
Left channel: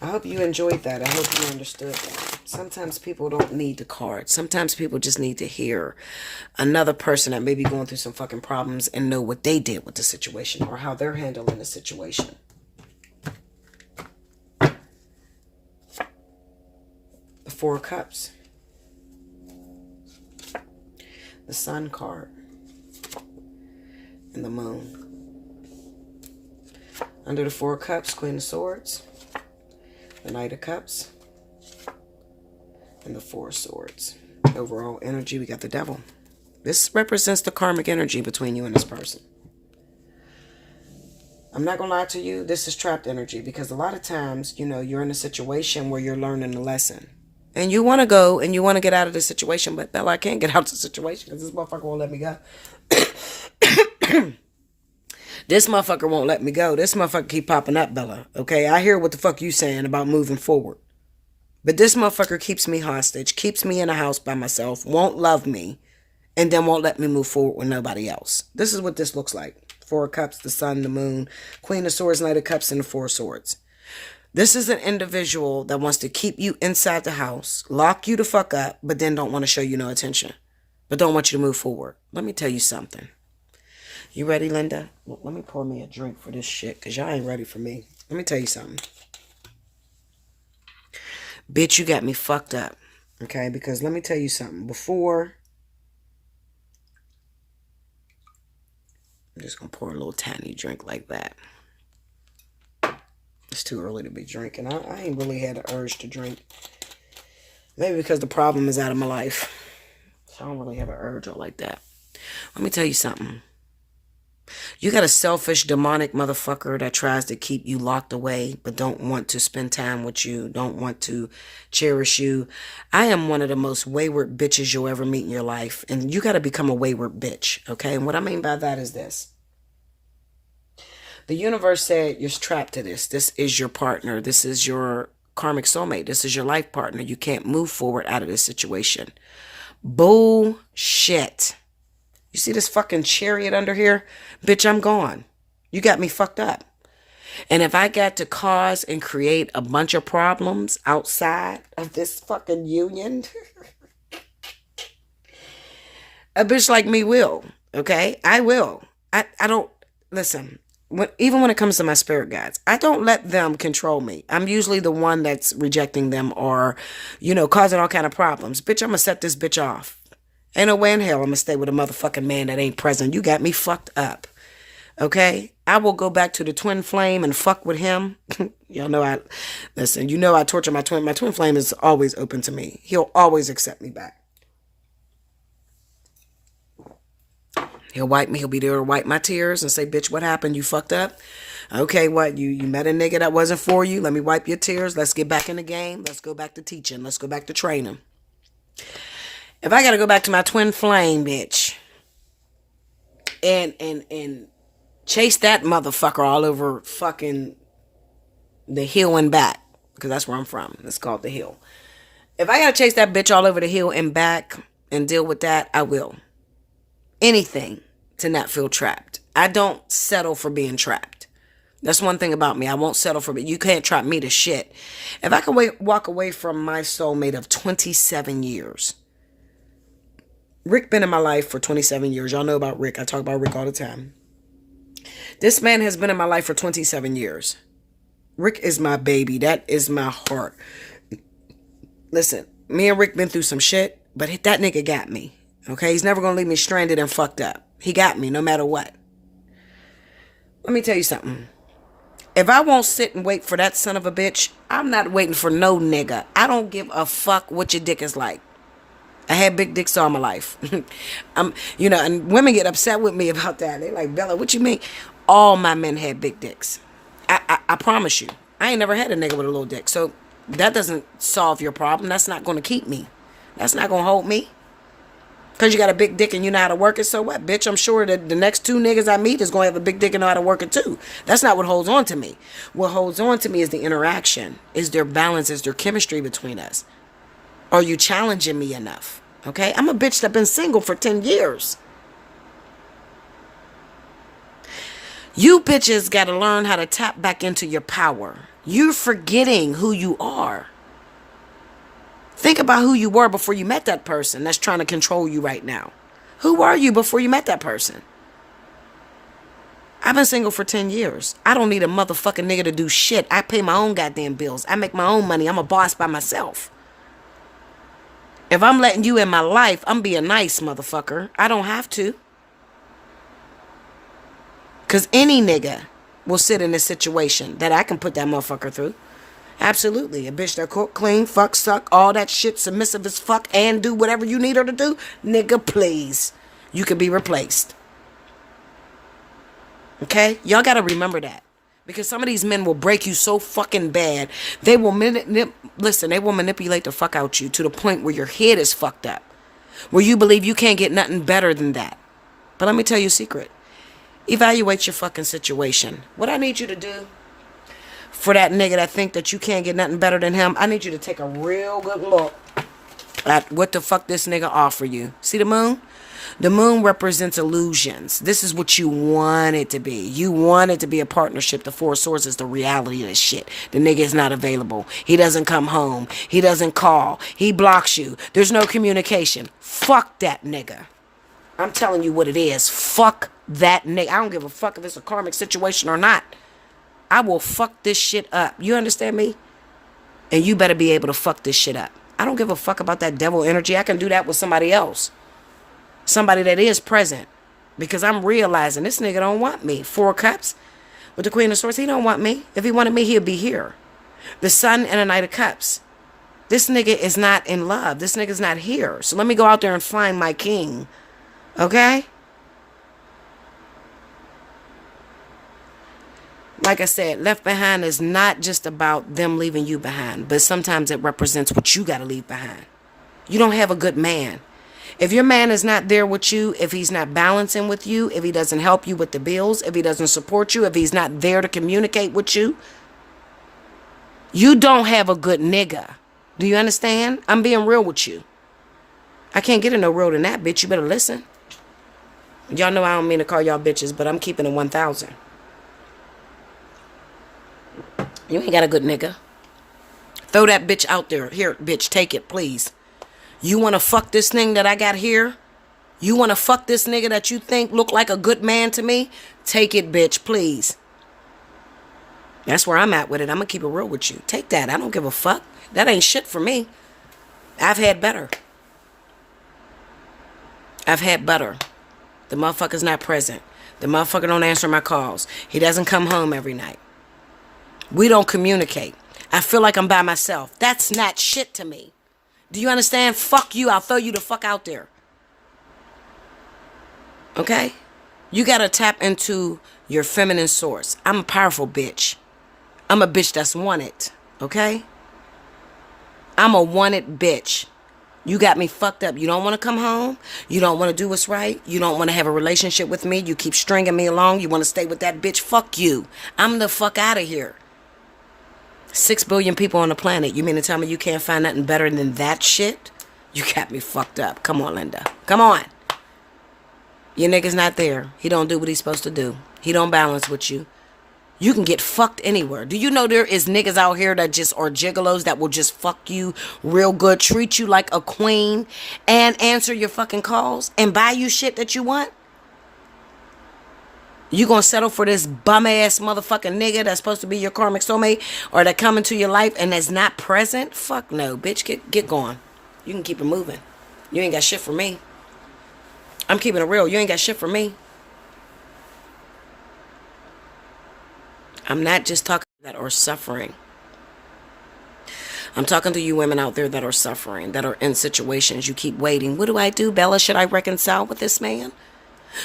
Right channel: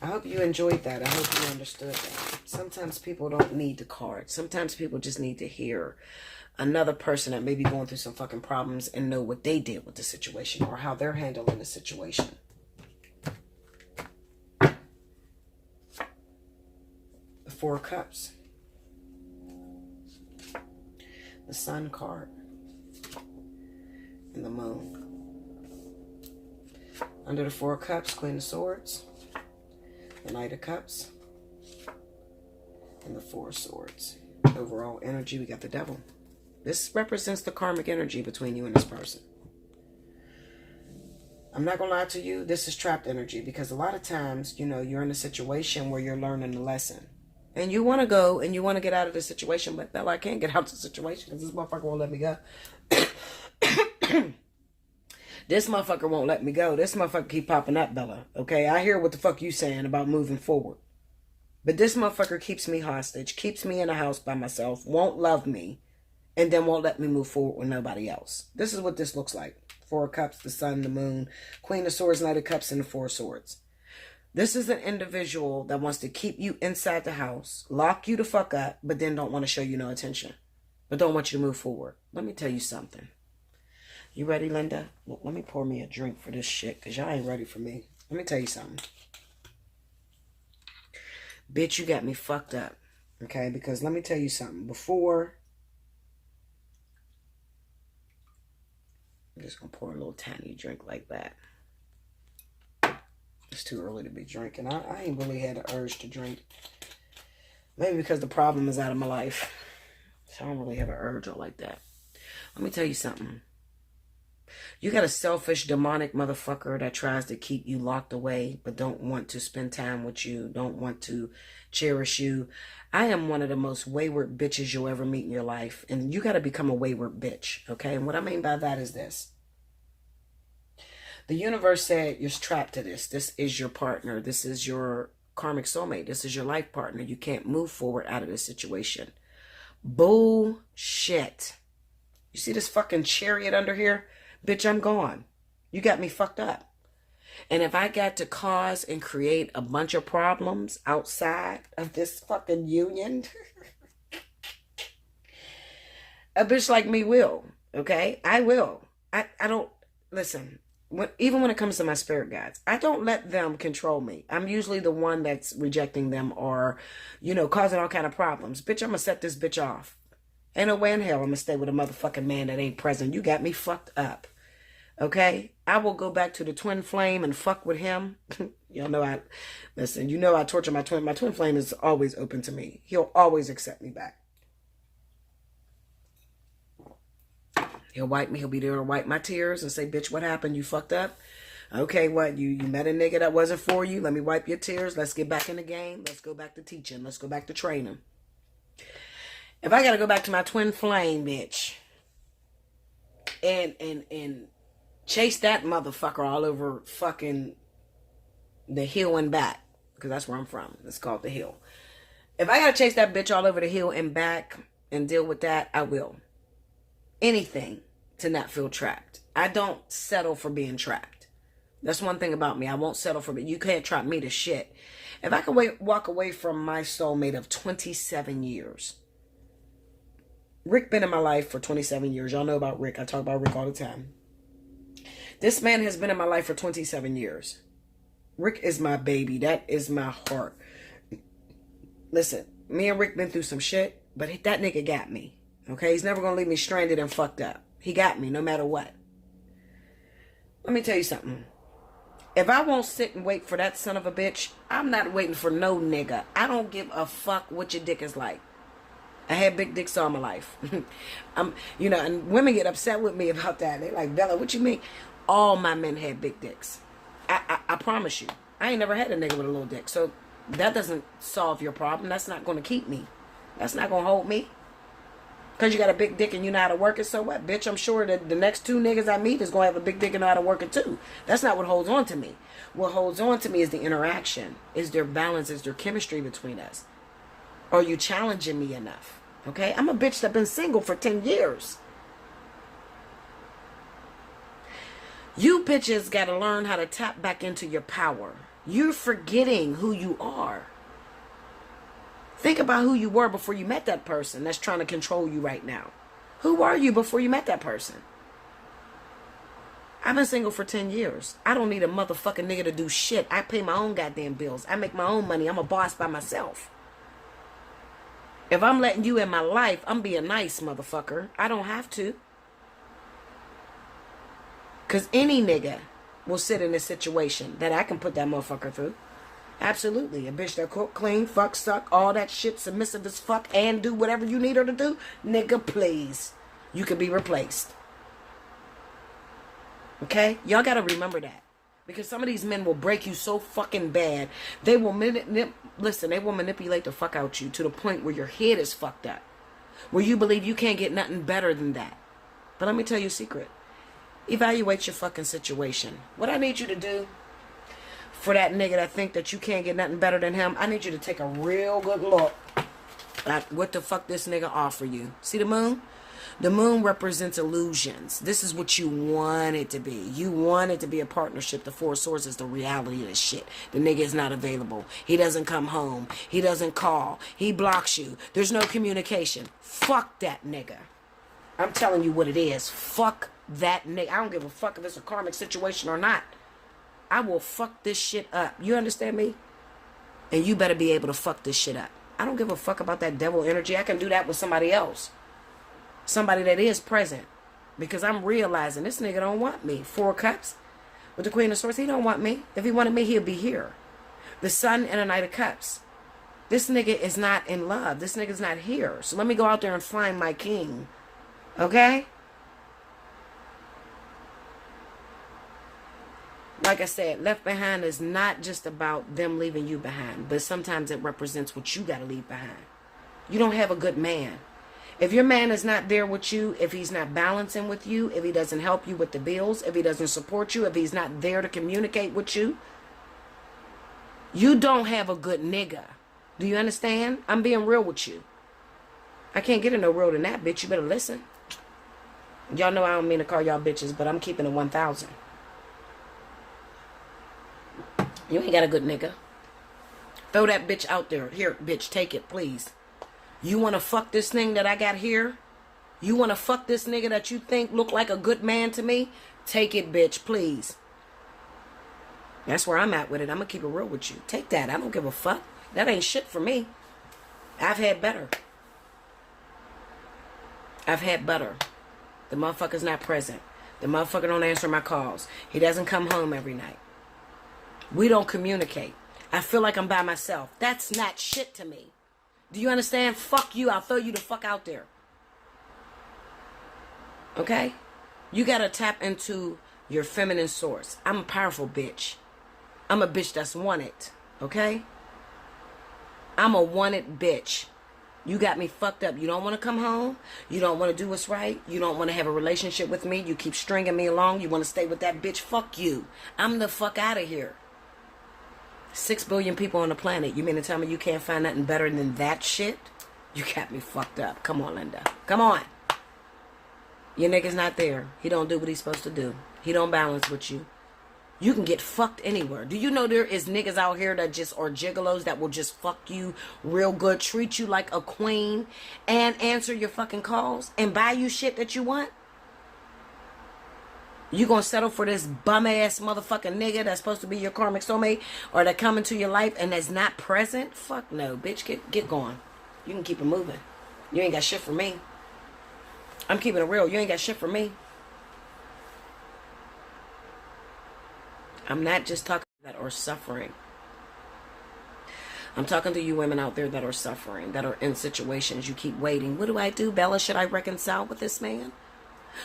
I hope you enjoyed that. I hope you understood that. Sometimes people don't need the card. Sometimes people just need to hear another person that may be going through some fucking problems and know what they did with the situation or how they're handling the situation. The Four of Cups. The Sun card. And the Moon. Under the Four of Cups, Queen of Swords. The Knight of Cups. And the Four of Swords. Overall energy, we got the Devil. This represents the karmic energy between you and this person. I'm not going to lie to you. This is trapped energy because a lot of times, you know, you're in a situation where you're learning a lesson. And you want to go and you want to get out of the situation. But Bella, I can't get out of the situation because this motherfucker won't let me go. This motherfucker won't let me go. This motherfucker keep popping up, Bella. Okay, I hear what the fuck you saying about moving forward. But this motherfucker keeps me hostage, keeps me in a house by myself, won't love me, and then won't let me move forward with nobody else. This is what this looks like. Four of Cups, the Sun, the Moon, Queen of Swords, Knight of Cups, and the Four of Swords. This is an individual that wants to keep you inside the house, lock you the fuck up, but then don't want to show you no attention, but don't want you to move forward. Let me tell you something. You ready, Linda? Look, let me pour me a drink for this shit, because y'all ain't ready for me. Let me tell you something. Bitch, you got me fucked up. Okay? Because let me tell you something. Before, I'm just going to pour a little tiny drink like that. It's too early to be drinking. I ain't really had an urge to drink. Maybe because the problem is out of my life. So I don't really have an urge or like that. Let me tell you something. You got a selfish, demonic motherfucker that tries to keep you locked away, but don't want to spend time with you, don't want to cherish you. I am one of the most wayward bitches you'll ever meet in your life, and you got to become a wayward bitch, okay? And what I mean by that is this. The universe said you're trapped to this. This is your partner. This is your karmic soulmate. This is your life partner. You can't move forward out of this situation. Bullshit. You see this fucking chariot under here? Bitch, I'm gone. You got me fucked up. And if I got to cause and create a bunch of problems outside of this fucking union, a bitch like me will. Okay? I will. I don't, listen, even when it comes to my spirit guides, I don't let them control me. I'm usually the one that's rejecting them or, you know, causing all kind of problems. Bitch, I'm going to set this bitch off. Ain't no way in hell I'm going to stay with a motherfucking man that ain't present. You got me fucked up. Okay? I will go back to the twin flame and fuck with him. Y'all know listen, you know I torture my twin. My twin flame is always open to me. He'll always accept me back. He'll wipe me. He'll be there to wipe my tears and say, bitch, what happened? You fucked up? Okay, what? You met a nigga that wasn't for you? Let me wipe your tears. Let's get back in the game. Let's go back to teaching. Let's go back to training. If I gotta go back to my twin flame, bitch, and chase that motherfucker all over fucking the hill and back, because that's where I'm from. It's called the hill. If I gotta chase that bitch all over the hill and back and deal with that, I will. Anything to not feel trapped. I don't settle for being trapped. That's one thing about me. I won't settle for it. You can't trap me to shit. If I could walk away from my soulmate of 27 years. Rick been in my life for 27 years. Y'all know about Rick. I talk about Rick all the time. This man has been in my life for 27 years. Rick is my baby. That is my heart. Listen, me and Rick been through some shit, but that nigga got me. Okay? He's never going to leave me stranded and fucked up. He got me no matter what. Let me tell you something. If I won't sit and wait for that son of a bitch, I'm not waiting for no nigga. I don't give a fuck what your dick is like. I had big dicks all my life. You know, and women get upset with me about that. They like, Bella, what you mean? All my men had big dicks. I promise you. I ain't never had a nigga with a little dick. So that doesn't solve your problem. That's not going to keep me. That's not going to hold me. Because you got a big dick and you know how to work it, so what? Bitch, I'm sure that the next two niggas I meet is going to have a big dick and know how to work it too. That's not what holds on to me. What holds on to me is the interaction. Is there balance? Is there chemistry between us? Are you challenging me enough? Okay? I'm a bitch that's been single for 10 years. You bitches got to learn how to tap back into your power. You're forgetting who you are. Think about who you were before you met that person that's trying to control you right now. Who were you before you met that person? I've been single for 10 years. I don't need a motherfucking nigga to do shit. I pay my own goddamn bills. I make my own money. I'm a boss by myself. If I'm letting you in my life, I'm being nice, motherfucker. I don't have to. Because any nigga will sit in a situation that I can put that motherfucker through. Absolutely. A bitch that cook, clean, fuck, suck, all that shit, submissive as fuck, and do whatever you need her to do. Nigga, please. You can be replaced. Okay? Y'all got to remember that. Because some of these men will break you so fucking bad. They will they will manipulate the fuck out you to the point where your head is fucked up. Where you believe you can't get nothing better than that. But let me tell you a secret. Evaluate your fucking situation. What I need you to do for that nigga that think that you can't get nothing better than him, I need you to take a real good look at what the fuck this nigga offer you. See the moon? The moon represents illusions. This is what you want it to be. You want it to be a partnership. The four swords is the reality of this shit. The nigga is not available. He doesn't come home. He doesn't call. He blocks you. There's no communication. Fuck that nigga. I'm telling you what it is. Fuck that nigga. I don't give a fuck if it's a karmic situation or not. I will fuck this shit up. You understand me? And you better be able to fuck this shit up. I don't give a fuck about that devil energy. I can do that with somebody else. Somebody that is present. Because I'm realizing this nigga don't want me. 4 cups with the Queen of Swords. He don't want me. If he wanted me, he'll be here. The Sun and a Knight of Cups. This nigga is not in love. This nigga's not here. So let me go out there and find my king. Okay? Like I said, left behind is not just about them leaving you behind. But sometimes it represents what you got to leave behind. You don't have a good man. If your man is not there with you, if he's not balancing with you, if he doesn't help you with the bills, if he doesn't support you, if he's not there to communicate with you, you don't have a good nigga. Do you understand? I'm being real with you. I can't get in no real than that, bitch. You better listen. Y'all know I don't mean to call y'all bitches, but I'm keeping it 1,000. You ain't got a good nigga. Throw that bitch out there. Here, bitch, take it, please. You want to fuck this thing that I got here? You want to fuck this nigga that you think look like a good man to me? Take it, bitch, please. That's where I'm at with it. I'm going to keep it real with you. Take that. I don't give a fuck. That ain't shit for me. I've had better. I've had better. The motherfucker's not present. The motherfucker don't answer my calls. He doesn't come home every night. We don't communicate. I feel like I'm by myself. That's not shit to me. Do you understand? Fuck you. I'll throw you the fuck out there. Okay? You got to tap into your feminine source. I'm a powerful bitch. I'm a bitch that's wanted. Okay? I'm a wanted bitch. You got me fucked up. You don't want to come home. You don't want to do what's right. You don't want to have a relationship with me. You keep stringing me along. You want to stay with that bitch. Fuck you. I'm the fuck out of here. 6 billion people on the planet. You mean to tell me you can't find nothing better than that shit? You got me fucked up. Come on, Linda. Come on. Your nigga's not there. He don't do what he's supposed to do. He don't balance with you. You can get fucked anywhere. Do you know there is niggas out here that just are gigolos that will just fuck you real good, treat you like a queen, and answer your fucking calls and buy you shit that you want? You gonna settle for this bum-ass motherfucking nigga that's supposed to be your karmic soulmate or that come into your life and that's not present? Fuck no, bitch. Get going. You can keep it moving. You ain't got shit for me. I'm keeping it real. You ain't got shit for me. I'm not just talking that are suffering. I'm talking to you women out there that are suffering, that are in situations. You keep waiting. What do I do, Bella? Should I reconcile with this man?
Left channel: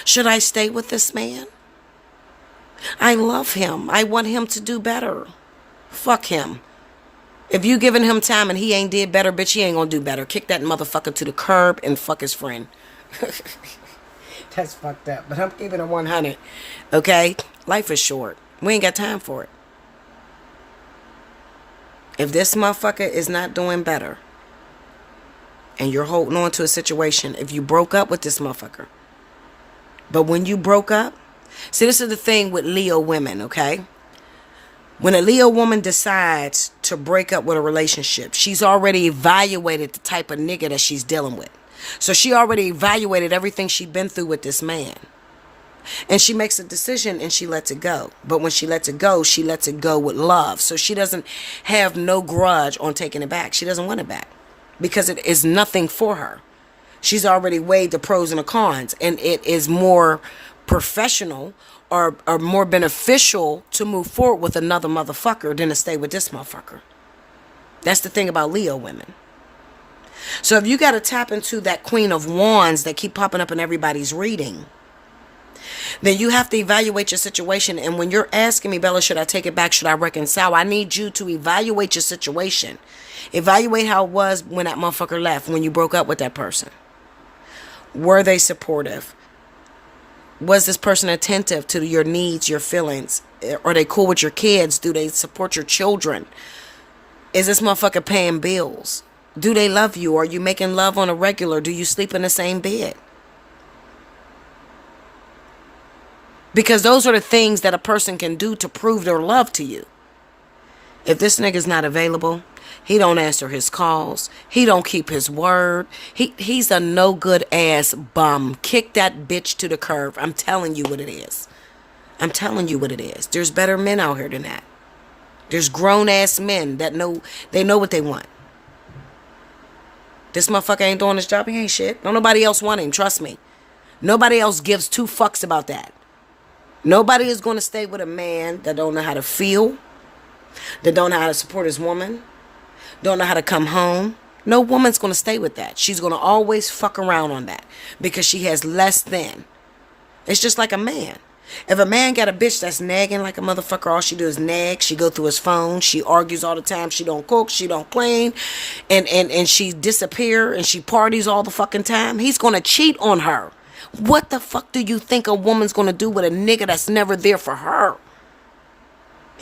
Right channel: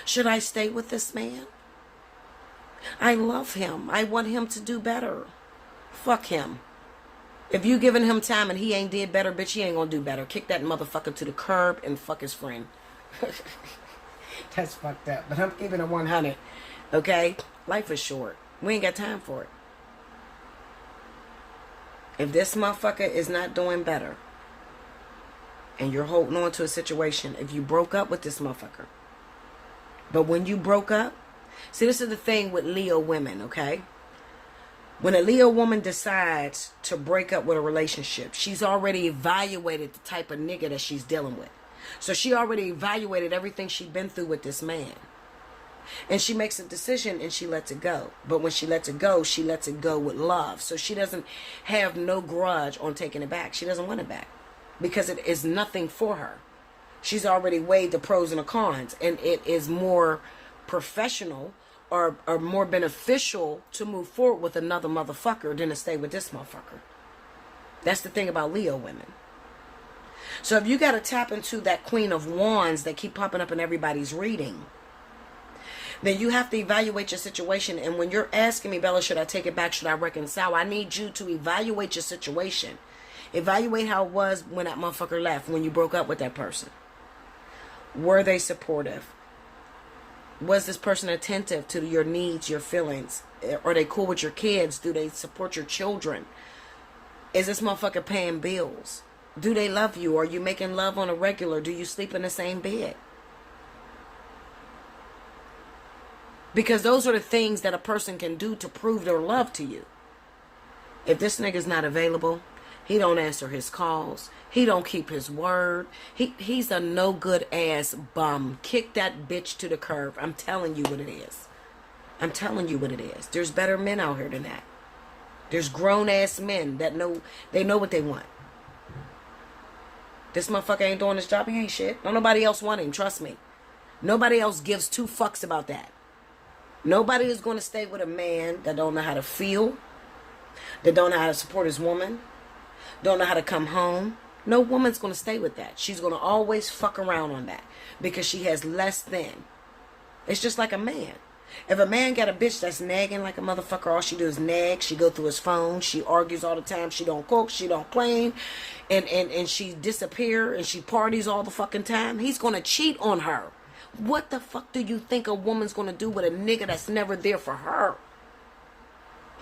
Should I stay with this man? I love him. I want him to do better. Fuck him. If you giving him time and he ain't did better, bitch, he ain't gonna do better. Kick that motherfucker to the curb and fuck his friend. That's fucked up. But I'm keeping it 100. Okay? Life is short. We ain't got time for it. If this motherfucker is not doing better and you're holding on to a situation, if you broke up with this motherfucker, but when you broke up, see, this is the thing with Leo women, okay? When a Leo woman decides to break up with a relationship, she's already evaluated the type of nigga that she's dealing with. So she already evaluated everything she's been through with this man. And she makes a decision and she lets it go. But when she lets it go with love. So she doesn't have no grudge on taking it back. She doesn't want it back because it is nothing for her. She's already weighed the pros and the cons, and it is more professional or more beneficial to move forward with another motherfucker than to stay with this motherfucker. That's the thing about Leo women. So if you got to tap into that Queen of Wands that keep popping up in everybody's reading, then you have to evaluate your situation. And when you're asking me, Bella, should I take it back? Should I reconcile? I need you to evaluate your situation. Evaluate how it was when that motherfucker left, when you broke up with that person. Were they supportive? Was this person attentive to your needs, your feelings? Are they cool with your kids? Do they support your children? Is this motherfucker paying bills? Do they love you? Are you making love on a regular? Do you sleep in the same bed? Because those are the things that a person can do to prove their love to you. If this nigga's not available, he don't answer his calls, he don't keep his word, he's a no good ass bum. Kick that bitch to the curb. I'm telling you what it is. I'm telling you what it is. There's better men out here than that. There's grown ass men that know what they want. This motherfucker ain't doing his job, he ain't shit. Don't nobody else want him, trust me. Nobody else gives two fucks about that. Nobody is going to stay with a man that don't know how to feel, that don't know how to support his woman, don't know how to come home. No woman's going to stay with that. She's going to always fuck around on that because she has less than. It's just like a man. If a man got a bitch that's nagging like a motherfucker, all she do is nag. She go through his phone. She argues all the time. She don't cook. She don't clean. And she disappear and she parties all the fucking time. He's going to cheat on her. What the fuck do you think a woman's going to do with a nigga that's never there for her?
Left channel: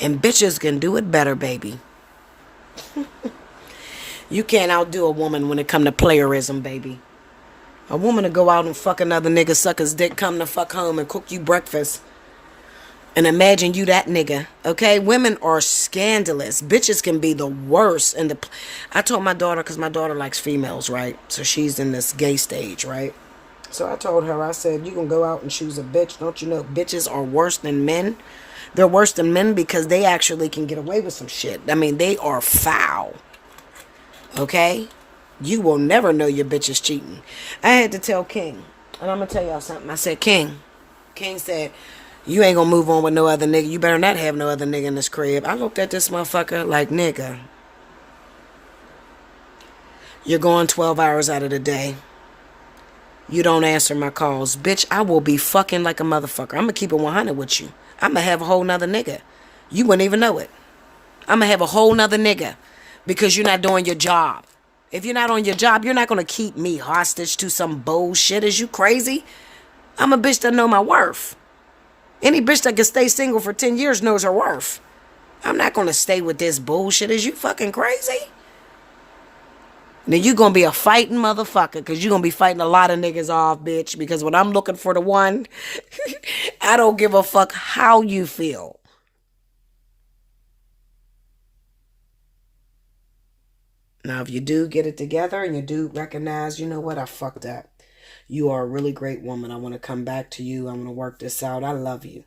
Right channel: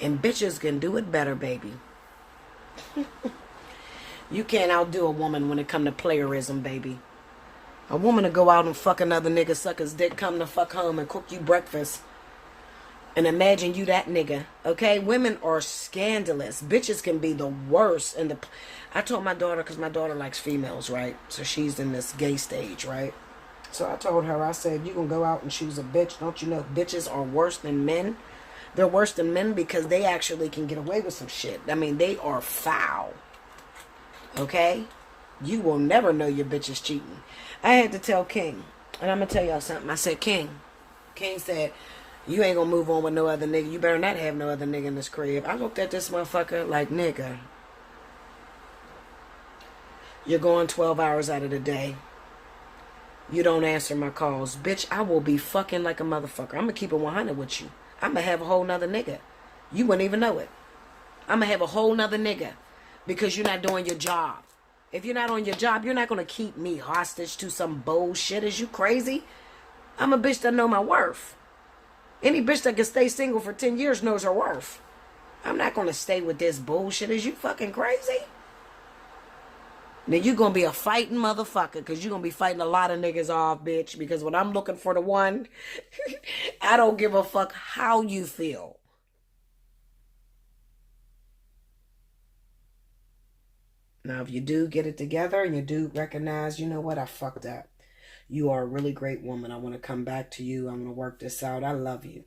And bitches can do it better, baby. You can't outdo a woman when it come to playerism, baby. A woman will go out and fuck another nigga, suck his dick, come to fuck home and cook you breakfast. And imagine you that nigga, okay? Women are scandalous. Bitches can be the worst. I told my daughter, because my daughter likes females, right? So she's in this gay stage, right? So I told her, I said, you can go out and choose a bitch. Don't you know bitches are worse than men? They're worse than men because they actually can get away with some shit. I mean, they are foul. Okay? You will never know your bitch is cheating. I had to tell King, and I'm going to tell y'all something. I said, King said, you ain't going to move on with no other nigga. You better not have no other nigga in this crib. I looked at this motherfucker like, nigga, you're going 12 hours out of the day. You don't answer my calls. Bitch, I will be fucking like a motherfucker. I'm going to keep it 100 with you. I'm going to have a whole nother nigga. You wouldn't even know it. I'm going to have a whole nother nigga because you're not doing your job. If you're not on your job, you're not going to keep me hostage to some bullshit. Is you crazy? I'm a bitch that know my worth. Any bitch that can stay single for 10 years knows her worth. I'm not going to stay with this bullshit. Is you fucking crazy? Then you going to be a fighting motherfucker because you're going to be fighting a lot of niggas off, bitch. Because when I'm looking for the one, I don't give a fuck how you feel. Now, if you do get it together and you do recognize, you know what, I fucked up. You are a really great woman. I want to come back to you. I want to work this out. I love you.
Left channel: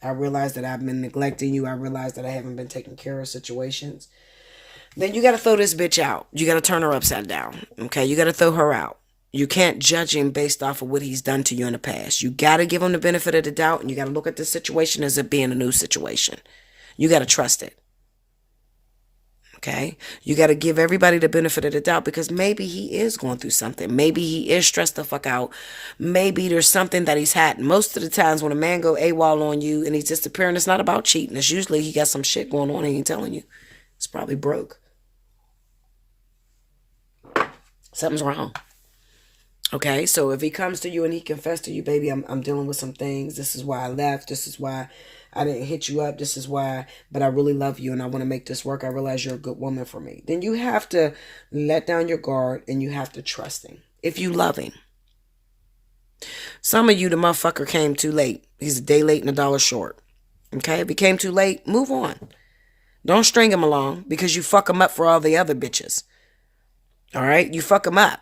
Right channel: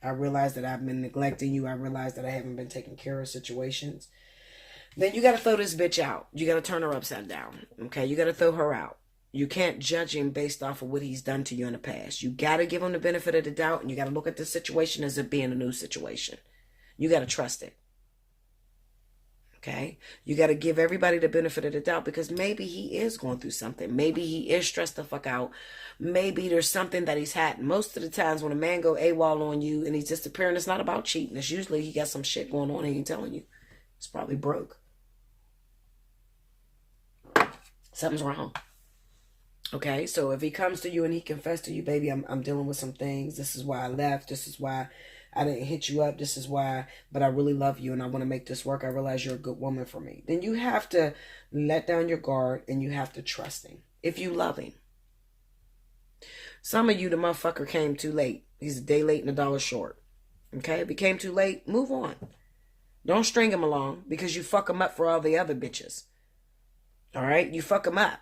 I realize that I've been neglecting you. I realize that I haven't been taking care of situations. Then you got to throw this bitch out. You got to turn her upside down. Okay? You got to throw her out. You can't judge him based off of what he's done to you in the past. You got to give him the benefit of the doubt, and you got to look at this situation as it being a new situation. You got to trust it. Okay? You got to give everybody the benefit of the doubt because maybe he is going through something. Maybe he is stressed the fuck out. Maybe there's something that he's had. Most of the times when a man go AWOL on you and he's disappearing, it's not about cheating. It's usually he got some shit going on and he ain't telling you. It's probably broke. Something's wrong. Okay, so if he comes to you and he confessed to you, baby, I'm dealing with some things. This is why I left. This is why I didn't hit you up. This is why, but I really love you and I want to make this work. I realize you're a good woman for me. Then you have to let down your guard and you have to trust him. If you love him. Some of you, the motherfucker came too late. He's a day late and a dollar short. Okay, if he came too late, move on. Don't string him along because you fuck him up for all the other bitches. All right, you fuck him up.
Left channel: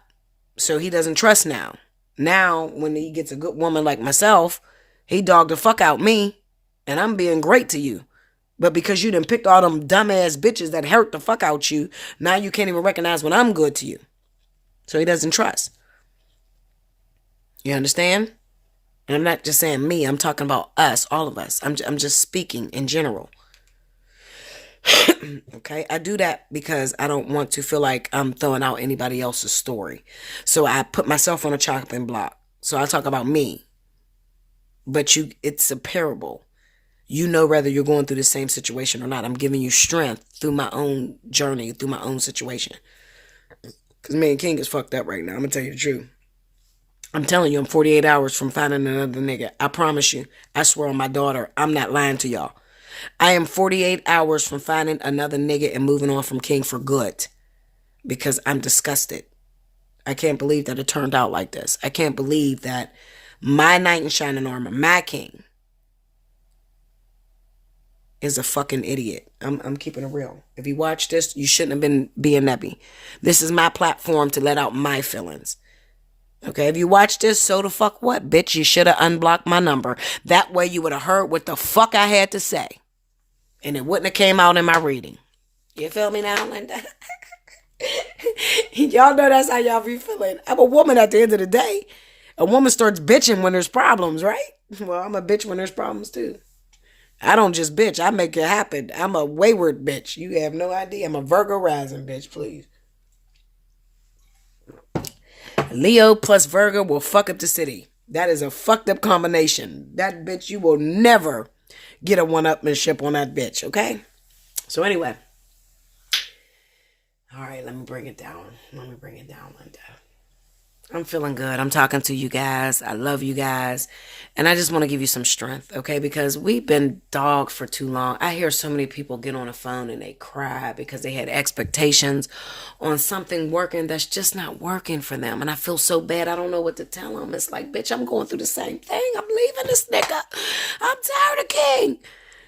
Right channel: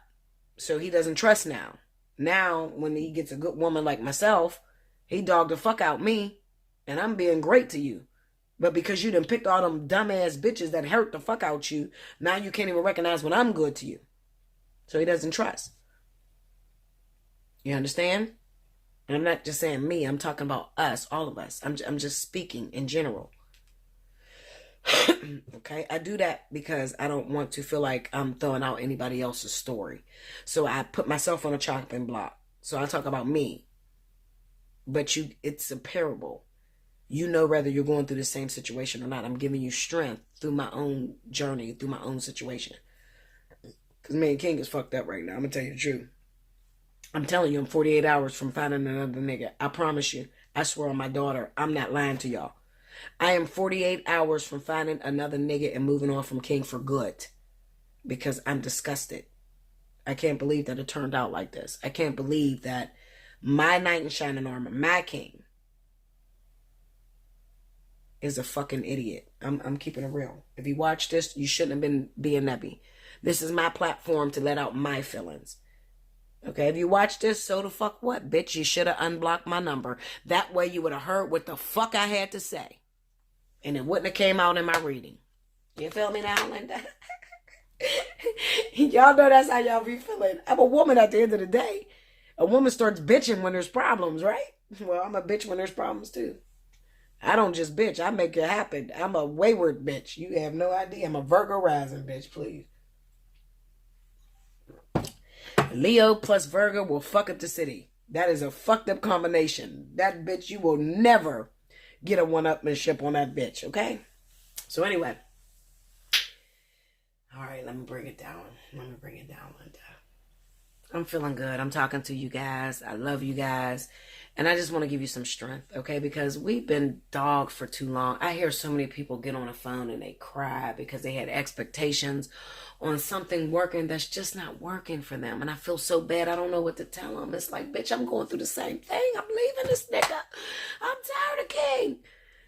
So he doesn't trust now. Now, when he gets a good woman like myself, he dogged the fuck out me. And I'm being great to you. But because you done picked all them dumbass bitches that hurt the fuck out you, now you can't even recognize when I'm good to you. So he doesn't trust. You understand? And I'm not just saying me. I'm talking about us, all of us. I'm just speaking in general. Okay, I do that because I don't want to feel like I'm throwing out anybody else's story. So I put myself on a chopping block. So I talk about me. but it's a parable. You know whether you're going through the same situation or not. I'm giving you strength through my own journey, through my own situation. Because me and King is fucked up right now. I'm going to tell you the truth. I'm telling you, I'm 48 hours from finding another nigga. I promise you. I swear on my daughter, I'm not lying to y'all. I am 48 hours from finding another nigga and moving on from King for good. Because I'm disgusted. I can't believe that it turned out like this. I can't believe that my knight in shining armor, my king, is a fucking idiot. I'm keeping it real. If you watch this, you shouldn't have been being Nebby. This is my platform to let out my feelings. Okay, if you watch this, so the fuck what, bitch? You should have unblocked my number. That way you would have heard what the fuck I had to say. And it wouldn't have came out in my reading. You feel me now, Linda? Y'all know that's how y'all be feeling. I'm a woman at the end of the day. A woman starts bitching when there's problems, right? Well, I'm a bitch when there's problems too. I don't just bitch. I make it happen. I'm a wayward bitch. You have no idea. I'm a Virgo rising bitch, please. Leo plus Virgo will fuck up the city. That is a fucked up combination. That bitch, you will never get a one-upmanship on that bitch, okay? So anyway. All right, let me bring it down. Linda. I'm feeling good. I'm talking to you guys. I love you guys. And I just want to give you some strength, okay? Because we've been dogged for too long. I hear so many people get on the phone and they cry because they had expectations on something working that's just not working for them. And I feel so bad. I don't know what to tell them. It's like, bitch, I'm going through the same thing. I'm leaving this nigga. I'm tired of King.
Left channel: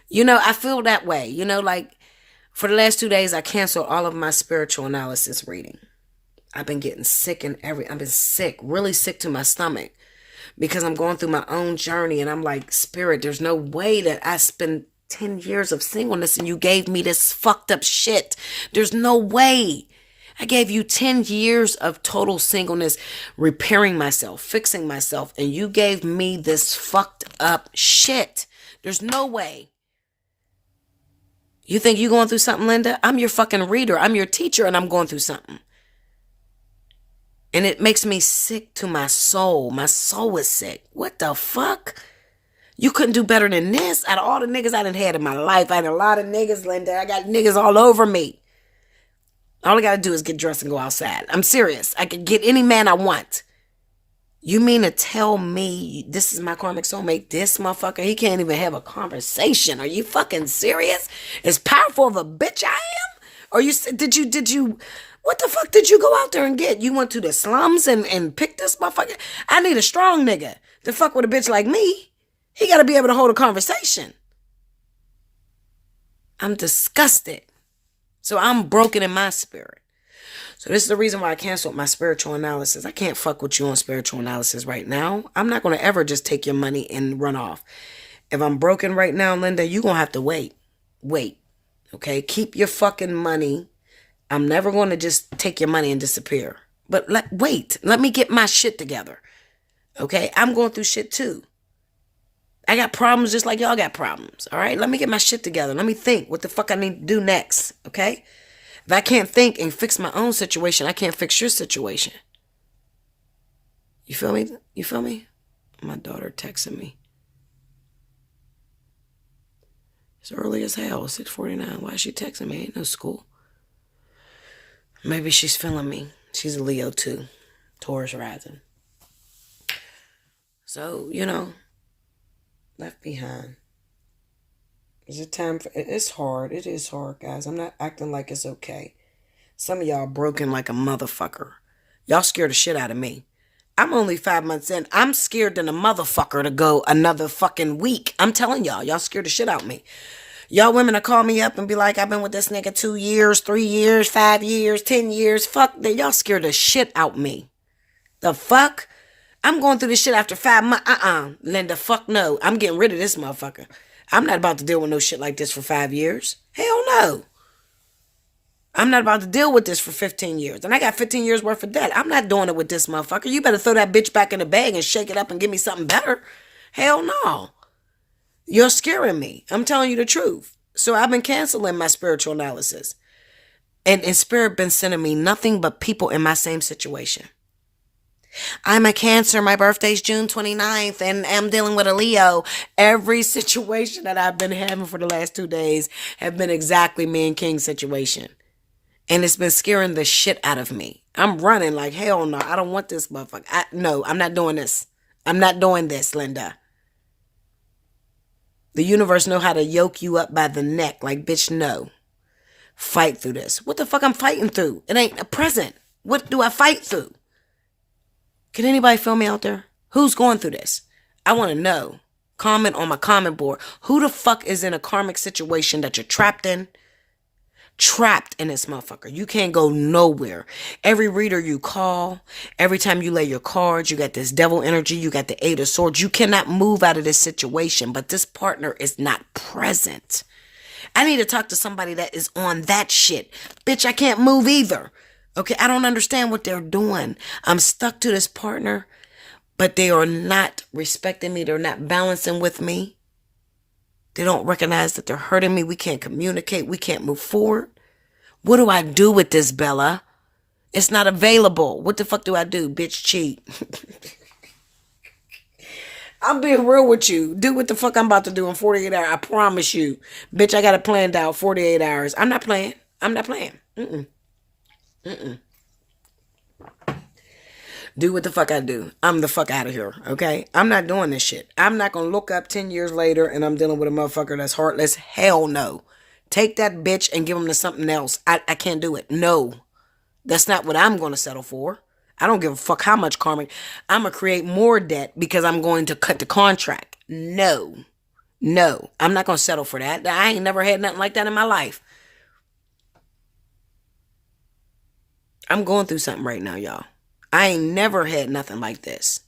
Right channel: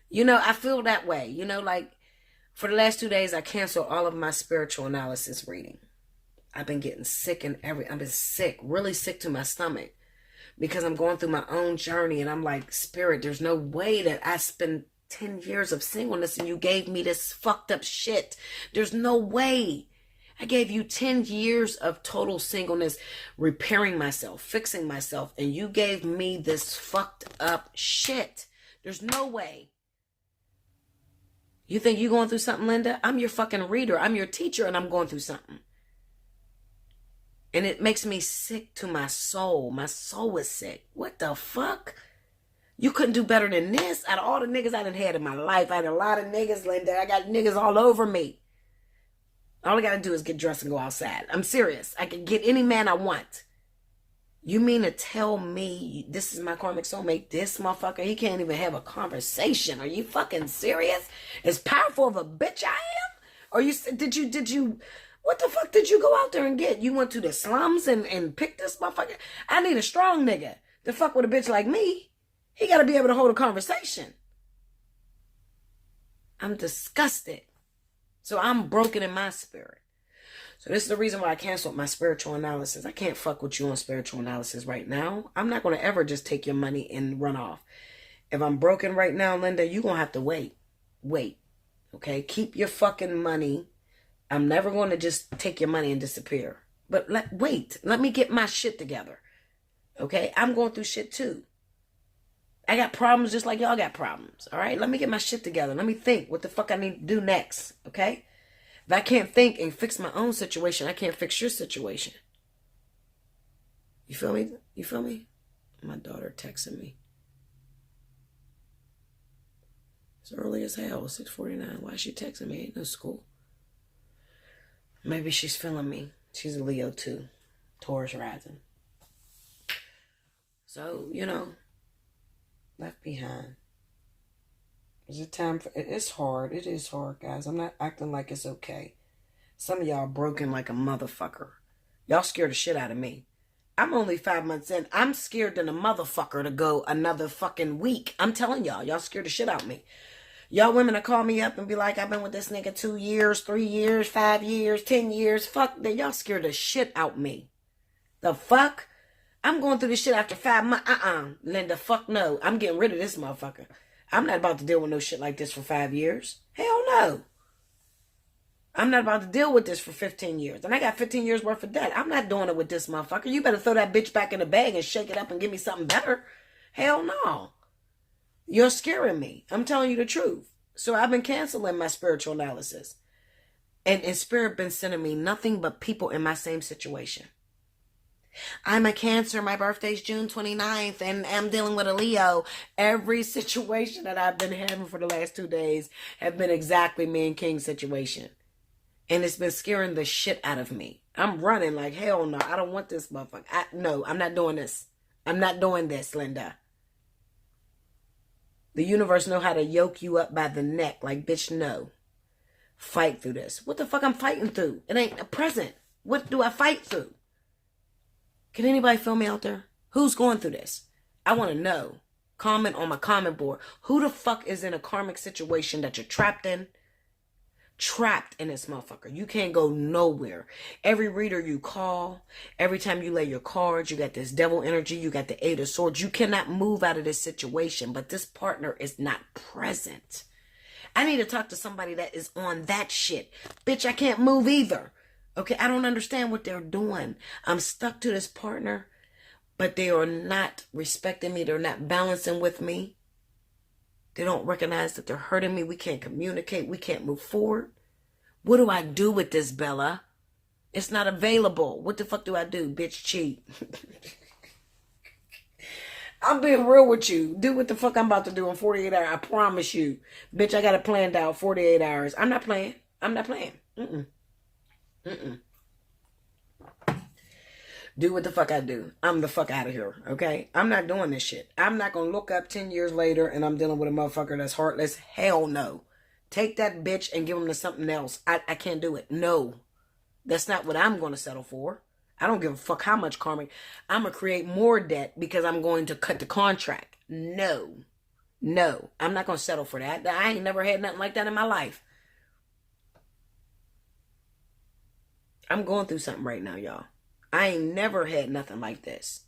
You know, I feel that way. You know, like for the last 2 days, I canceled all of my spiritual analysis reading. I've been getting sick I've been sick, really sick to my stomach because I'm going through my own journey and I'm like, Spirit, there's no way that I spent 10 years of singleness and you gave me this fucked up shit. There's no way. I gave you 10 years of total singleness, repairing myself, fixing myself, and you gave me this fucked up shit. There's no way. You think you're going through something, Linda? I'm your fucking reader. I'm your teacher and I'm going through something. And it makes me sick to my soul. My soul is sick. What the fuck? You couldn't do better than this. Out of all the niggas I done had in my life, I had a lot of niggas, Linda. I got niggas all over me. All I got to do is get dressed and go outside. I'm serious. I can get any man I want. You mean to tell me this is my karmic soulmate? This motherfucker, he can't even have a conversation. Are you fucking serious? As powerful of a bitch I am? Or did you... What the fuck did you go out there and get? You went to the slums and picked this motherfucker? I need a strong nigga to fuck with a bitch like me. He got to be able to hold a conversation. I'm disgusted. So I'm broken in my spirit. So this is the reason why I canceled my spiritual analysis. I can't fuck with you on spiritual analysis right now. I'm not going to ever just take your money and run off. If I'm broken right now, Linda, you're going to have to wait. Wait. Okay? Keep your fucking money. I'm never going to just take your money and disappear. But wait, let me get my shit together. Okay? I'm going through shit too. I got problems just like y'all got problems. All right? Let me get my shit together. Let me think what the fuck I need to do next. Okay? If I can't think and fix my own situation, I can't fix your situation. You feel me? You feel me? My daughter texting me. It's early as hell. 6:49. Why is she texting me? Ain't no school. Maybe she's feeling me. She's a Leo too. Taurus rising. So, you know, left behind. Is it time for... It's hard. It is hard, guys. I'm not acting like it's okay. Some of y'all broken like a motherfucker. Y'all scared the shit out of me. I'm only 5 months in. I'm scared than a motherfucker to go another fucking week. I'm telling y'all scared the shit out of me. Y'all women will call me up and be like, I've been with this nigga 2 years, 3 years, 5 years, 10 years. Fuck, y'all scared the shit out me. The fuck? I'm going through this shit after 5 months. Linda, fuck no. I'm getting rid of this motherfucker. I'm not about to deal with no shit like this for 5 years. Hell no. I'm not about to deal with this for 15 years. And I got 15 years worth of debt. I'm not doing it with this motherfucker. You better throw that bitch back in the bag and shake it up and give me something better. Hell no. You're scaring me. I'm telling you the truth. So I've been canceling my spiritual analysis. And Spirit been sending me nothing but people in my same situation. I'm a Cancer. My birthday's June 29th, and I'm dealing with a Leo. Every situation that I've been having for the last 2 days have been exactly me and King's situation. And it's been scaring the shit out of me. I'm running like, hell no, I don't want this motherfucker. No, I'm not doing this. I'm not doing this, Linda. The universe know how to yoke you up by the neck. Like, bitch, no. Fight through this. What the fuck I'm fighting through? It ain't a present. What do I fight through? Can anybody feel me out there? Who's going through this? I want to know. Comment on my comment board. Who the fuck is in a karmic situation that you're trapped in? Trapped in this motherfucker. You can't go nowhere. Every reader you call, every time you lay your cards, you got this devil energy, you got the 8 of swords. You cannot move out of this situation, but this partner is not present. I need to talk to somebody that is on that shit. Bitch, I can't move either. Okay, I don't understand what they're doing. I'm stuck to this partner, but they are not respecting me. They're not balancing with me. They don't recognize that they're hurting me. We can't communicate. We can't move forward. What do I do with this, Bella? It's not available. What the fuck do I do? Bitch, cheat. I'm being real with you. Do what the fuck I'm about to do in 48 hours. I promise you. Bitch, I got it planned out 48 hours. I'm not playing. I'm not playing. Do what the fuck I do. I'm the fuck out of here, okay? I'm not doing this shit. I'm not going to look up 10 years later and I'm dealing with a motherfucker that's heartless. Hell no. Take that bitch and give him to something else. I can't do it. No. That's not what I'm going to settle for. I don't give a fuck how much karma. I'm going to create more debt because I'm going to cut the contract. No. No. I'm not going to settle for that. I ain't never had nothing like that in my life. I'm going through something right now, y'all. I ain't never had nothing like this.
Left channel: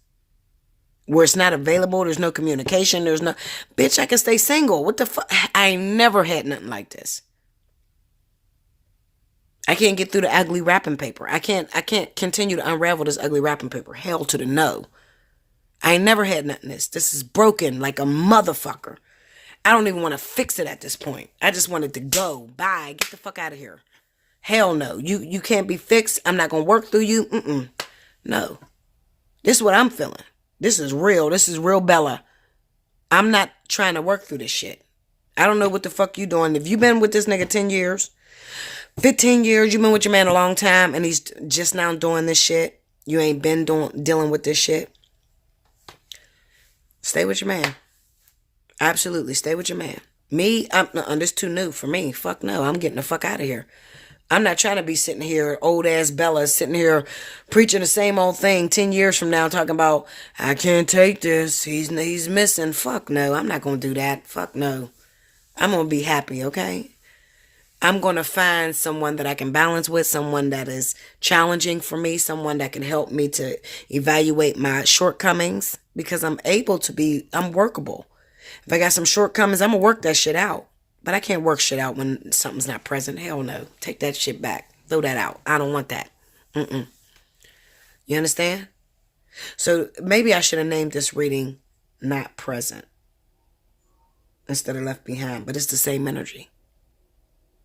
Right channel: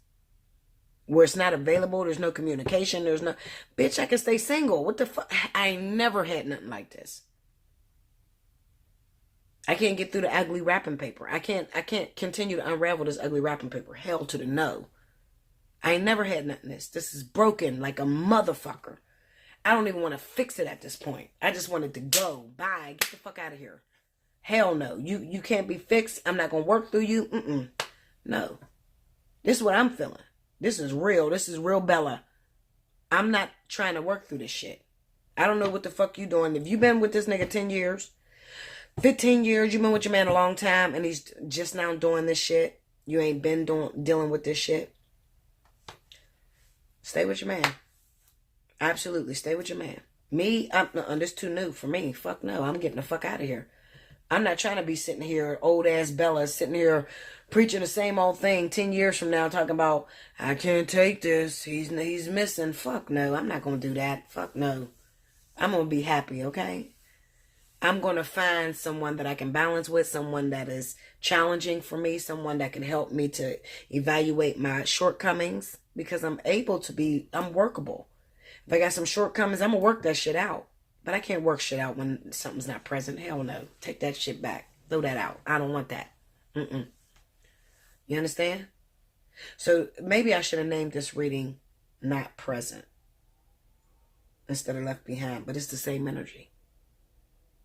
Where it's not available, there's no communication, there's no... Bitch, I can stay single. What the fuck? I ain't never had nothing like this. I can't get through the ugly wrapping paper. I can't continue to unravel this ugly wrapping paper. Hell to the no. I ain't never had nothing this. This is broken like a motherfucker. I don't even want to fix it at this point. I just want it to go. Bye. Get the fuck out of here. Hell no. You can't be fixed. I'm not going to work through you. No. This is what I'm feeling. This is real. This is real Bella. I'm not trying to work through this shit. I don't know what the fuck you doing. If you've been with this nigga 10 years, 15 years, you've been with your man a long time, and he's just now doing this shit. You ain't been dealing with this shit. Stay with your man. Absolutely. Stay with your man. Me, this too new for me. Fuck no. I'm getting the fuck out of here. I'm not trying to be sitting here, old ass Bella, sitting here preaching the same old thing 10 years from now, talking about, I can't take this. He's missing. Fuck no. I'm not going to do that. Fuck no. I'm going to be happy, okay? I'm going to find someone that I can balance with, someone that is challenging for me, someone that can help me to evaluate my shortcomings, because I'm workable. If I got some shortcomings, I'm going to work that shit out. But I can't work shit out when something's not present. Hell no. Take that shit back. Throw that out. I don't want that. You understand? So maybe I should have named this reading Not Present instead of Left Behind. But it's the same energy.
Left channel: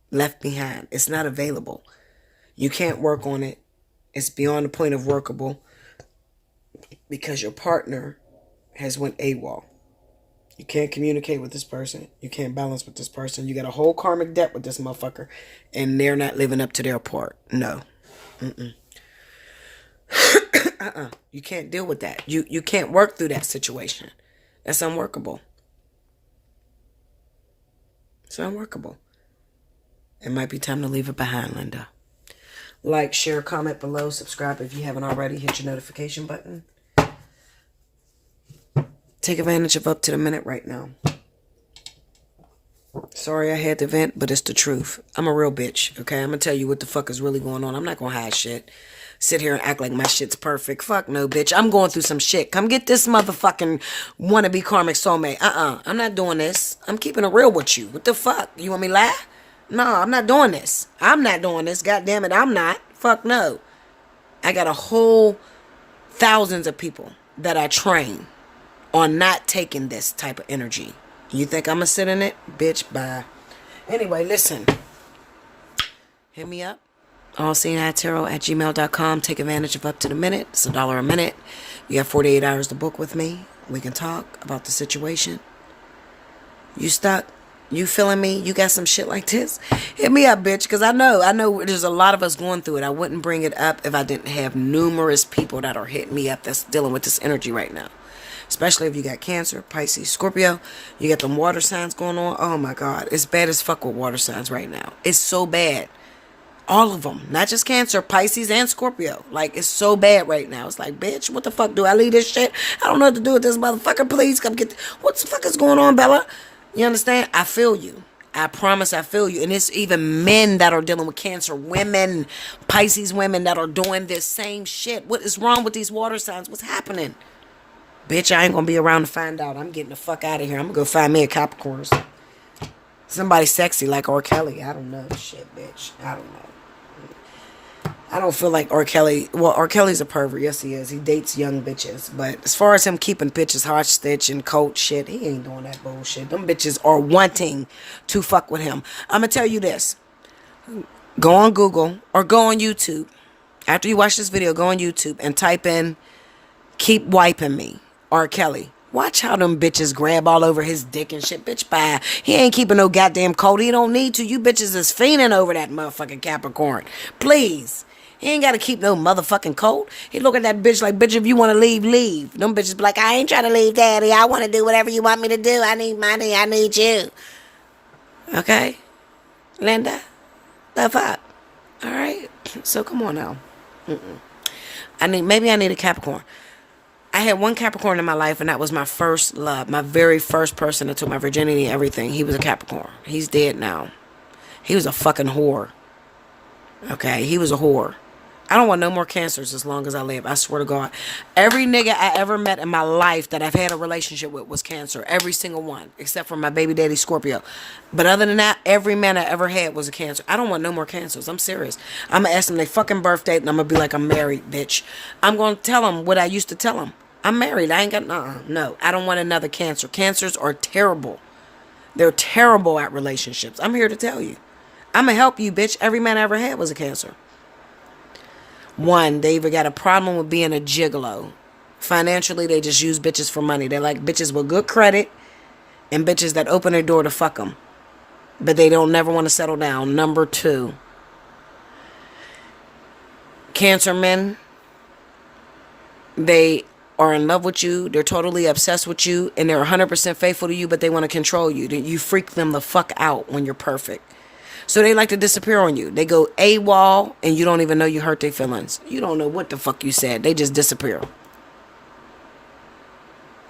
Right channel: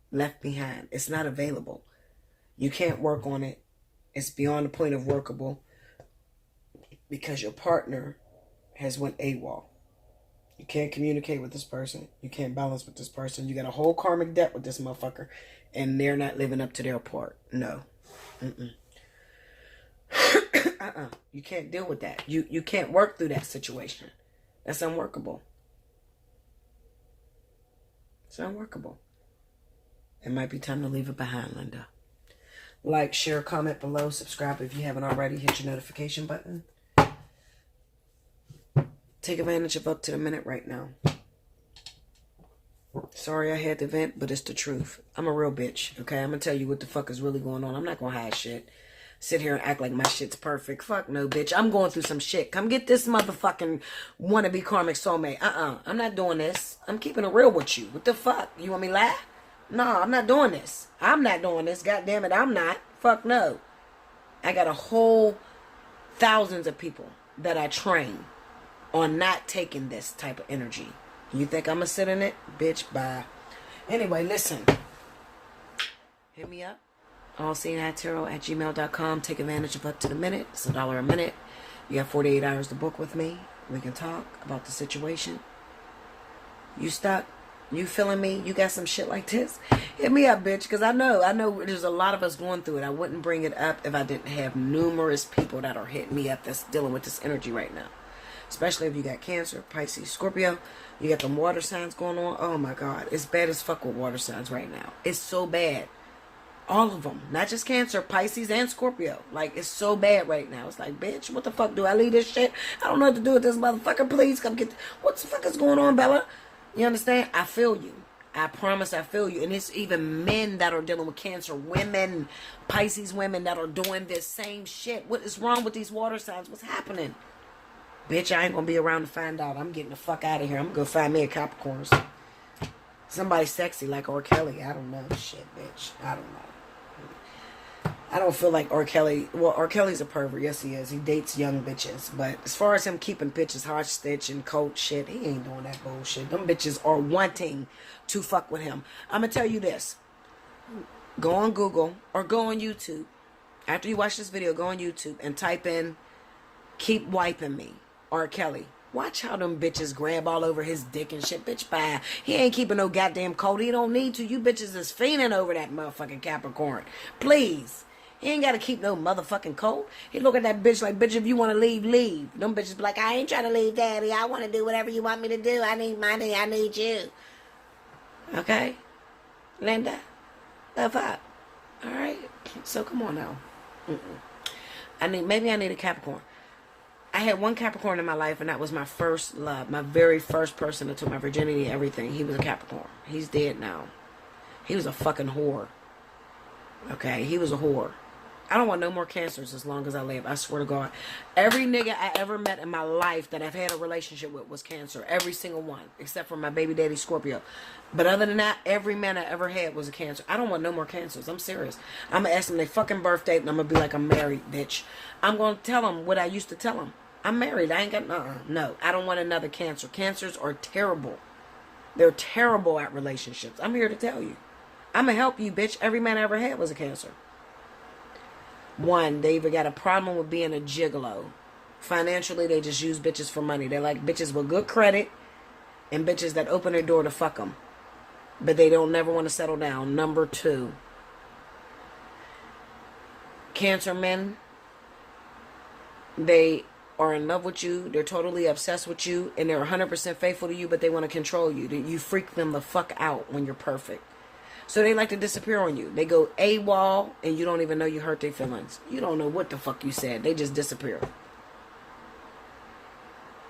Left behind. It's not available. You can't work on it. It's beyond the point of workable because your partner has went AWOL. You can't communicate with this person. You can't balance with this person. You got a whole karmic debt with this motherfucker. And they're not living up to their part. No. You can't deal with that. You can't work through that situation. That's unworkable. It's unworkable. It might be time to leave it behind, Linda. Like, share, comment below. Subscribe if you haven't already. Hit your notification button. Take advantage of up to the minute right now. Sorry I had to vent, but it's the truth. I'm a real bitch, okay? I'm going to tell you what the fuck is really going on. I'm not going to hide shit. Sit here and act like my shit's perfect. Fuck no, bitch. I'm going through some shit. Come get this motherfucking wannabe karmic soulmate. I'm not doing this. I'm keeping it real with you. What the fuck? You want me to lie? No, I'm not doing this. I'm not doing this. God damn it, I'm not. Fuck no. I got a whole thousands of people that I train on not taking this type of energy. You think I'm gonna sit in it? Bitch, bye. Anyway, listen. Hit me up. Allseeingeyetarot@gmail.com. Take advantage of up to the minute. It's $1 a minute. You have 48 hours to book with me. We can talk about the situation. You stuck? You feeling me? You got some shit like this? Hit me up, bitch, because I know there's a lot of us going through it. I wouldn't bring it up if I didn't have numerous people that are hitting me up that's dealing with this energy right now. Especially if you got Cancer, Pisces, Scorpio. You got them water signs going on. Oh, my God. It's bad as fuck with water signs right now. It's so bad. All of them. Not just Cancer, Pisces, and Scorpio. Like, it's so bad right now. It's like, bitch, what the fuck? Do I leave this shit? I don't know what to do with this motherfucker. Please come get... What the fuck is going on, Bella? You understand? I feel you. I promise I feel you. And it's even men that are dealing with Cancer. Women, Pisces women that are doing this same shit. What is wrong with these water signs? What's happening? Bitch, I ain't gonna be around to find out. I'm getting the fuck out of here. I'm gonna go find me a Capricorn. Somebody sexy like R. Kelly. I don't know. Shit, bitch. I don't know. I don't feel like R. Kelly. Well, R. Kelly's a pervert. Yes, he is. He dates young bitches. But as far as him keeping bitches hostage and cold shit, he ain't doing that bullshit. Them bitches are wanting to fuck with him. I'm gonna tell you this. Go on Google or go on YouTube. After you watch this video, go on YouTube and type in "keep wiping me." R. Kelly. Watch how them bitches grab all over his dick and shit. Bitch, bye. He ain't keeping no goddamn cold. He don't need to. You bitches is fiending over that motherfucking Capricorn. Please. He ain't got to keep no motherfucking cold. He look at that bitch like, bitch, if you want to leave, leave. Them bitches be like, I ain't trying to leave, daddy. I want to do whatever you want me to do. I need money. I need you. Okay? Linda? The fuck? All right? So come on now. Maybe I need a Capricorn. I had one Capricorn in my life, and that was my first love. My very first person that took my virginity and everything. He was a Capricorn. He's dead now. He was a fucking whore. Okay? He was a whore. I don't want no more Cancers as long as I live. I swear to God. Every nigga I ever met in my life that I've had a relationship with was Cancer. Every single one. Except for my baby daddy Scorpio. But other than that, every man I ever had was a Cancer. I don't want no more Cancers. I'm serious. I'm going to ask them their fucking birthday, and I'm going to be like, I'm married, bitch. I'm going to tell them what I used to tell them. I'm married. I ain't got... No. I don't want another Cancer. Cancers are terrible. They're terrible at relationships. I'm here to tell you. I'm going to help you, bitch. Every man I ever had was a Cancer. One, they either got a problem with being a gigolo. Financially, they just use bitches for money. They like bitches with good credit and bitches that open their door to fuck them. But they don't never want to settle down. Number two, Cancer men, they are in love with you. They're totally obsessed with you. And they're 100% faithful to you, but they want to control you. You freak them the fuck out when you're perfect. So they like to disappear on you. They go AWOL, and you don't even know you hurt their feelings. You don't know what the fuck you said. They just disappear.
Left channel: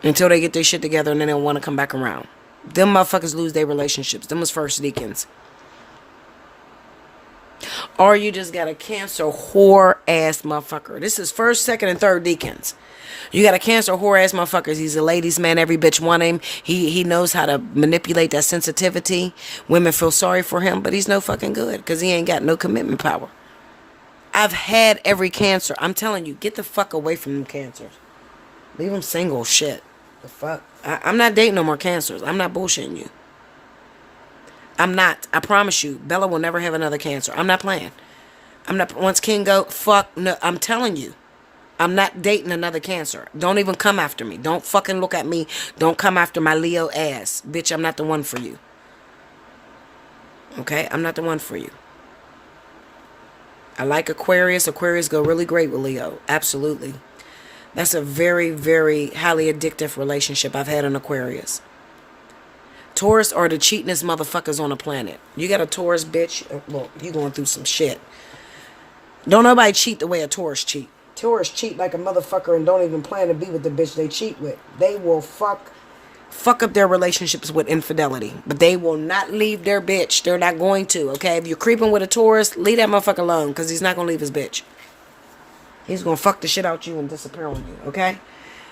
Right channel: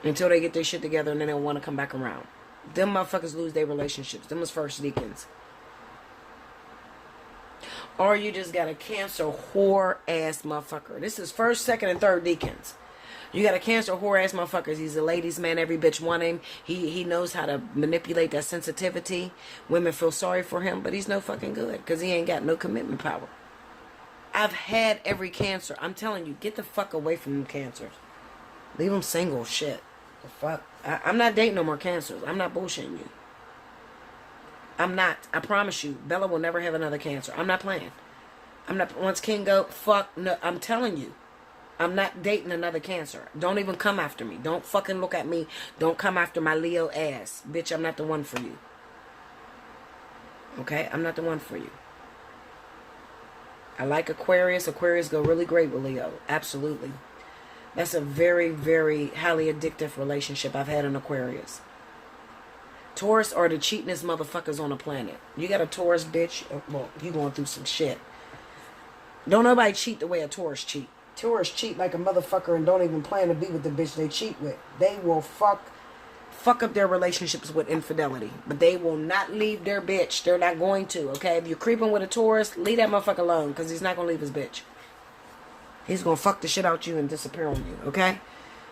Until they get their shit together, and then they don't want to come back around. Them motherfuckers lose their relationships. Them was first deacons. Or you just got a Cancer whore-ass motherfucker. This is first, second, and third deacons. You got a Cancer whore-ass motherfucker. He's a ladies' man. Every bitch want him. He knows how to manipulate that sensitivity. Women feel sorry for him, but he's no fucking good because he ain't got no commitment power. I've had every Cancer. I'm telling you, get the fuck away from them Cancers. Leave them single. Shit. The fuck? I'm not dating no more Cancers. I'm not bullshitting you. I'm not. I promise you. Bella will never have another Cancer. I'm not playing. I'm not. Once King go, fuck. No, I'm telling you. I'm not dating another Cancer. Don't even come after me. Don't fucking look at me. Don't come after my Leo ass. Bitch, I'm not the one for you. Okay? I'm not the one for you. I like Aquarius. Aquarius go really great with Leo. Absolutely. That's a very, very highly addictive relationship I've had in Aquarius. Taurus are the cheatingest motherfuckers on the planet. You got a Taurus bitch, well, you going through some shit. Don't nobody cheat the way a Taurus cheat. Taurus cheat like a motherfucker and don't even plan to be with the bitch they cheat with. They will fuck up their relationships with infidelity. But they will not leave their bitch. They're not going to, okay? If you're creeping with a Taurus, leave that motherfucker alone because he's not going to leave his bitch. He's going to fuck the shit out you and disappear on you, okay?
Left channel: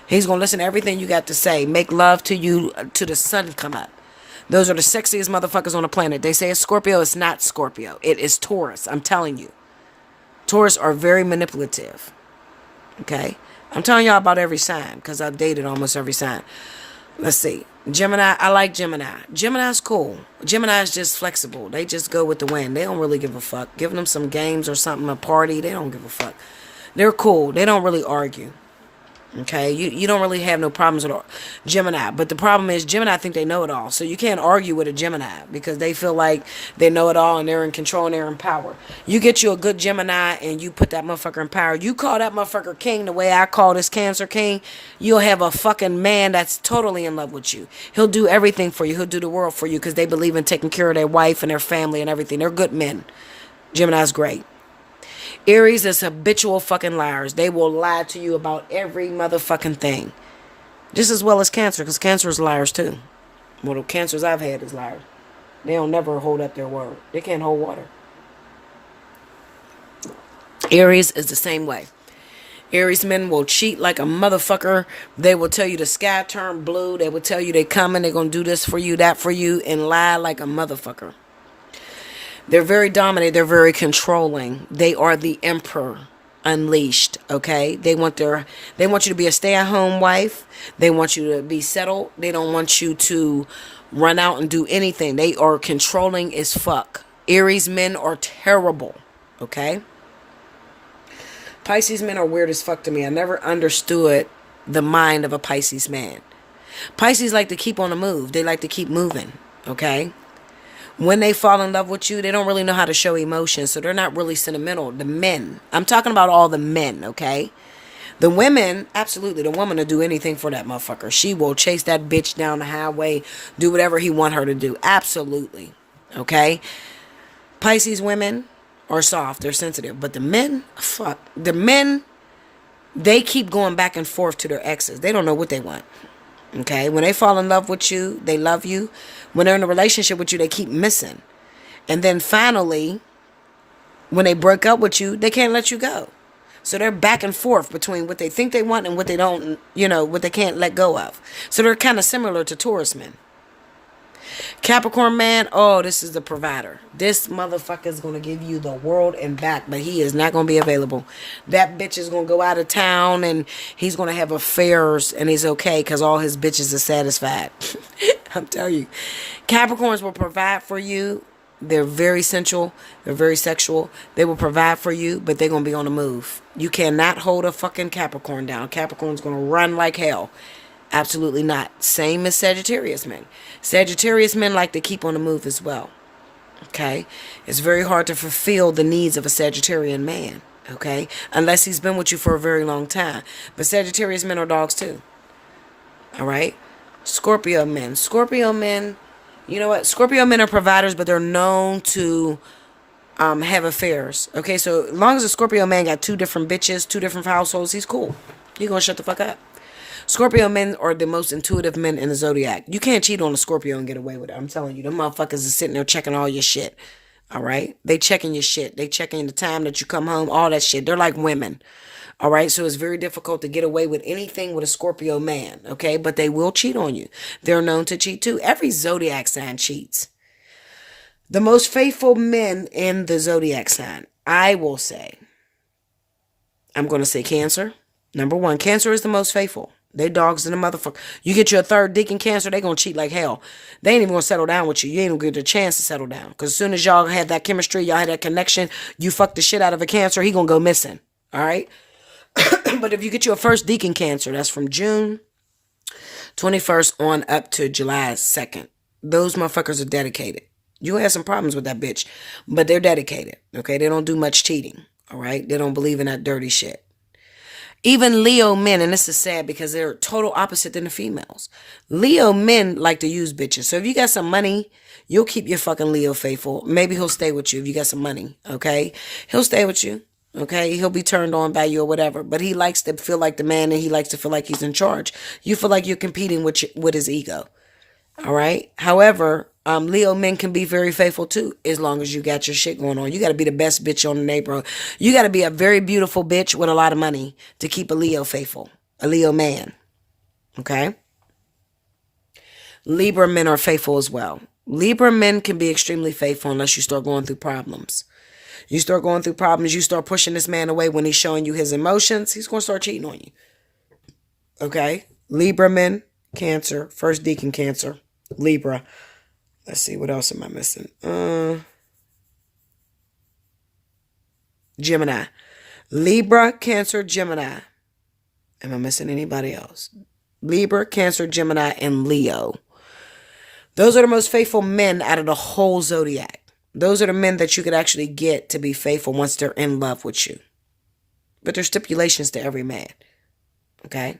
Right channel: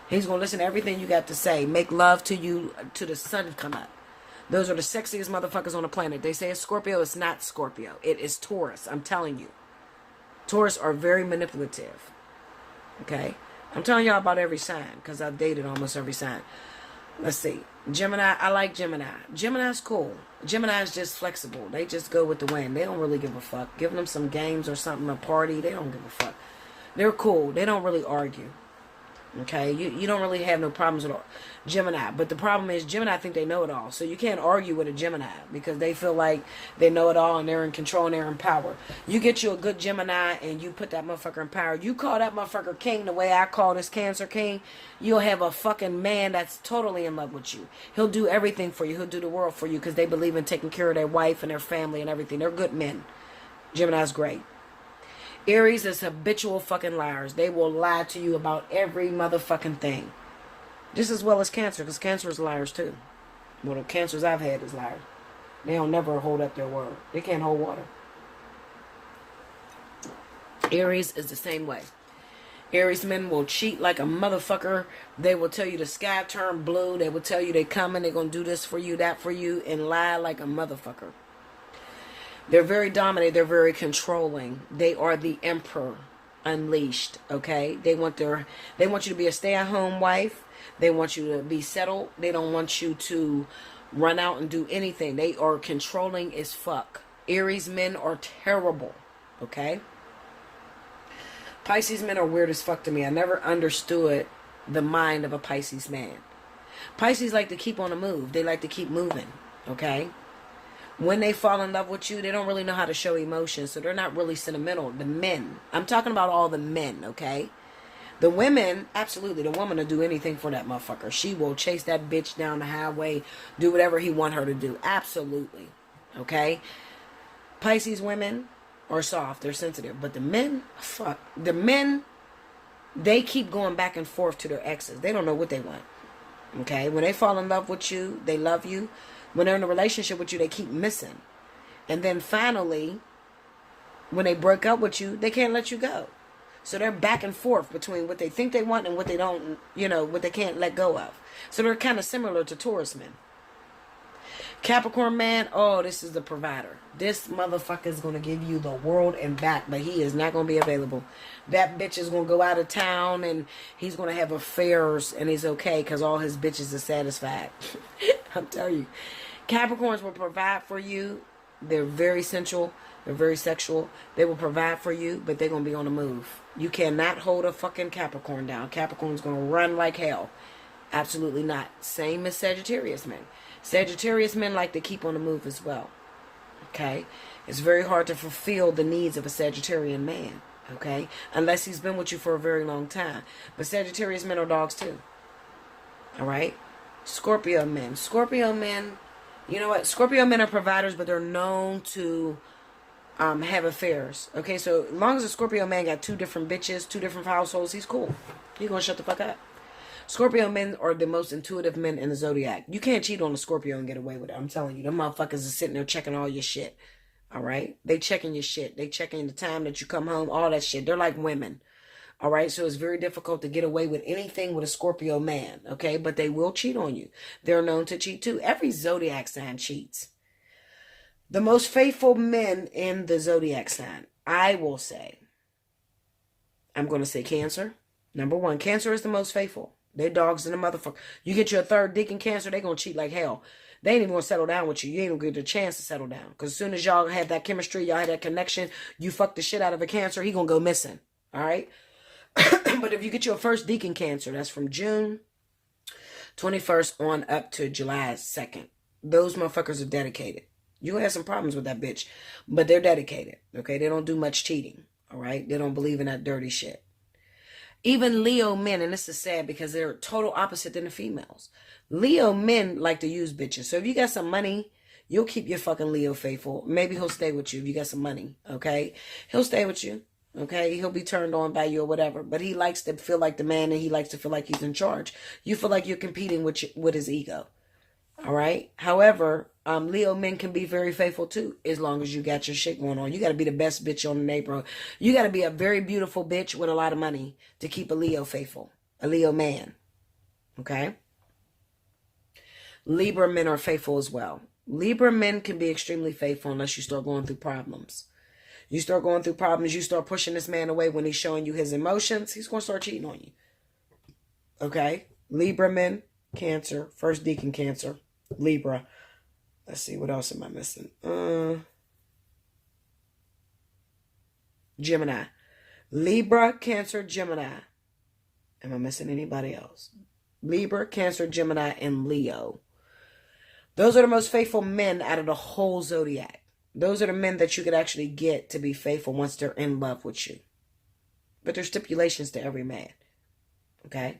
He's going to listen to everything you got to say. Make love to you till the sun come up. Those are the sexiest motherfuckers on the planet. They say it's Scorpio. It's not Scorpio. It is Taurus. I'm telling you. Taurus are very manipulative. Okay? I'm telling y'all about every sign because I've dated almost every sign. Let's see. Gemini, I like Gemini. Gemini's cool. Gemini's just flexible. They just go with the wind. They don't really give a fuck. Giving them some games or something, a party, they don't give a fuck. They're cool. They don't really argue. Okay, you don't really have no problems with Gemini, but the problem is Gemini think they know it all, so you can't argue with a Gemini because they feel like they know it all and they're in control and they're in power. You get you a good Gemini and you put that motherfucker in power. You call that motherfucker king the way I call this Cancer king, you'll have a fucking man that's totally in love with you. He'll do everything for you. He'll do the world for you because they believe in taking care of their wife and their family and everything. They're good men. Gemini's great. Aries is habitual fucking liars. They will lie to you about every motherfucking thing. Just as well as Cancer, because Cancer is liars too. Well, the Cancers I've had is liars. They don't never hold up their word. They can't hold water. Aries is the same way. Aries men will cheat like a motherfucker. They will tell you the sky turned blue. They will tell you they coming. They're going to do this for you, that for you, and lie like a motherfucker. They're very dominant. They're very controlling. They are the emperor unleashed. Okay, they want you to be a stay-at-home wife. They want you to be settled. They don't want you to run out and do anything. They are controlling as fuck. Aries men are terrible. Okay. Pisces men are weird as fuck to me. I never understood the mind of a Pisces man. Pisces like to keep on the move. They like to keep moving. Okay. When they fall in love with you, they don't really know how to show emotion, so they're not really sentimental. The men. I'm talking about all the men, okay? The women, absolutely, the woman will do anything for that motherfucker. She will chase that bitch down the highway, do whatever he want her to do. Absolutely, okay? Pisces women are soft, they're sensitive, but the men, fuck. The men, they keep going back and forth to their exes. They don't know what they want. Okay, when they fall in love with you, they love you. When they're in a relationship with you, they keep missing. And then finally, when they break up with you, they can't let you go. So they're back and forth between what they think they want and what they don't, what they can't let go of. So they're kind of similar to Taurus men. Capricorn man, oh, this is the provider. This motherfucker is going to give you the world and back, but he is not going to be available. That bitch is going to go out of town and he's going to have affairs and he's okay because all his bitches are satisfied. I'm telling you. Capricorns will provide for you. They're very sensual. They're very sexual. They will provide for you, but they're going to be on the move. You cannot hold a fucking Capricorn down. Capricorn's going to run like hell. Absolutely not. Same as Sagittarius men. Sagittarius men like to keep on the move as well. Okay? It's very hard to fulfill the needs of a Sagittarian man. Okay? Unless he's been with you for a very long time. But Sagittarius men are dogs too. Alright? Scorpio men. Scorpio men, you know what? Scorpio men are providers, but they're known to have affairs. Okay? So as long as a Scorpio man got two different bitches, two different households, he's cool. You're gonna shut the fuck up. Scorpio men are the most intuitive men in the Zodiac. You can't cheat on a Scorpio and get away with it. I'm telling you, them motherfuckers are sitting there checking all your shit. All right? They checking your shit. They checking the time that you come home, all that shit. They're like women. All right? So it's very difficult to get away with anything with a Scorpio man. Okay? But they will cheat on you. They're known to cheat too. Every Zodiac sign cheats. The most faithful men in the Zodiac sign, I will say, I'm going to say Cancer. Number one, Cancer is the most faithful. They dogs in the motherfucker. You get your third dick in Cancer, they gonna cheat like hell. They ain't even gonna settle down with you. You ain't gonna get a chance to settle down. Because as soon as y'all had that chemistry, y'all had that connection, you fuck the shit out of a Cancer, he gonna go missing. Alright? But if you get your first dick in Cancer, that's from June 21st on up to July 2nd. Those motherfuckers are dedicated. You have some problems with that bitch, but they're dedicated. Okay? They don't do much cheating. Alright? They don't believe in that dirty shit. Even Leo men, and this is sad because they're total opposite than the females. Leo men like to use bitches. So if you got some money, you'll keep your fucking Leo faithful. Maybe he'll stay with you if you got some money, okay? He'll stay with you, okay? He'll be turned on by you or whatever. But he likes to feel like the man and he likes to feel like he's in charge. You feel like you're competing with his ego, all right? However, Leo men can be very faithful too, as long as you got your shit going on. You got to be the best bitch on the neighborhood. You got to be a very beautiful bitch with a lot of money to keep a Leo faithful, a Leo man. Okay? Libra men are faithful as well. Libra men can be extremely faithful unless you start going through problems. You start going through problems, you start pushing this man away when he's showing you his emotions, he's going to start cheating on you. Okay? Libra men Cancer. First deacon, Cancer. Libra. Let's see, what else am I missing? Gemini. Libra, Cancer, Gemini. Am I missing anybody else? Libra, Cancer, Gemini, and Leo. Those are the most faithful men out of the whole zodiac. Those are the men that you could actually get to be faithful once they're in love with you. But there's stipulations to every man. Okay?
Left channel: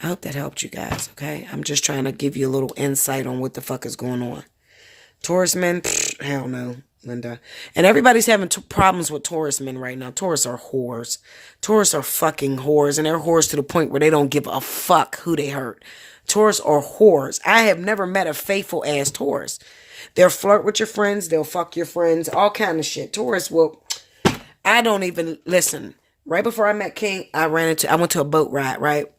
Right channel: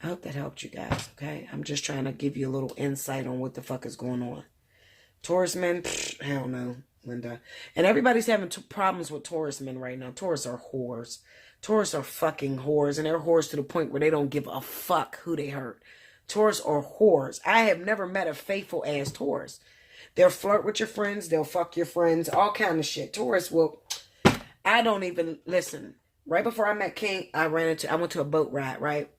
I hope that helped you guys, okay? I'm just trying to give you a little insight on what the fuck is going on. Taurus men, hell no, Linda. And everybody's having problems with Taurus men right now. Taurus are whores. Taurus are fucking whores. And they're whores to the point where they don't give a fuck who they hurt. Taurus are whores. I have never met a faithful ass Taurus. They'll flirt with your friends. They'll fuck your friends. All kind of shit. Taurus will... I don't even... Listen. Right before I met King, I went to a boat ride, right?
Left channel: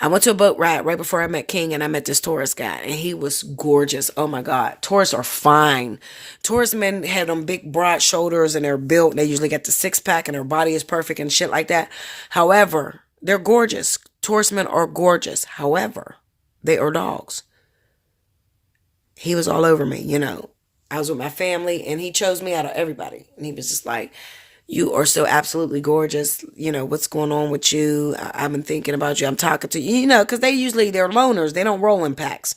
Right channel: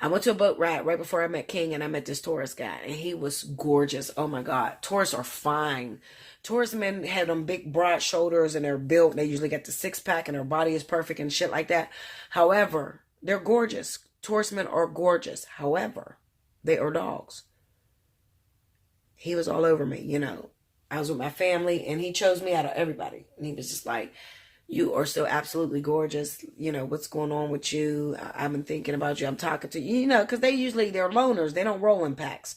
I went to a boat ride right before I met King, and I met this Taurus guy, and he was gorgeous. Oh my God. Taurus are fine. Taurus men have them big broad shoulders, and they're built. They usually get the six-pack, and their body is perfect and shit like that. However, they're gorgeous. Taurus men are gorgeous. However, they are dogs. He was all over me, you know. I was with my family, and he chose me out of everybody. And he was just like, you are so absolutely gorgeous. You know, what's going on with you? I've been thinking about you. I'm talking to you. You know, because they're loners. They don't roll in packs.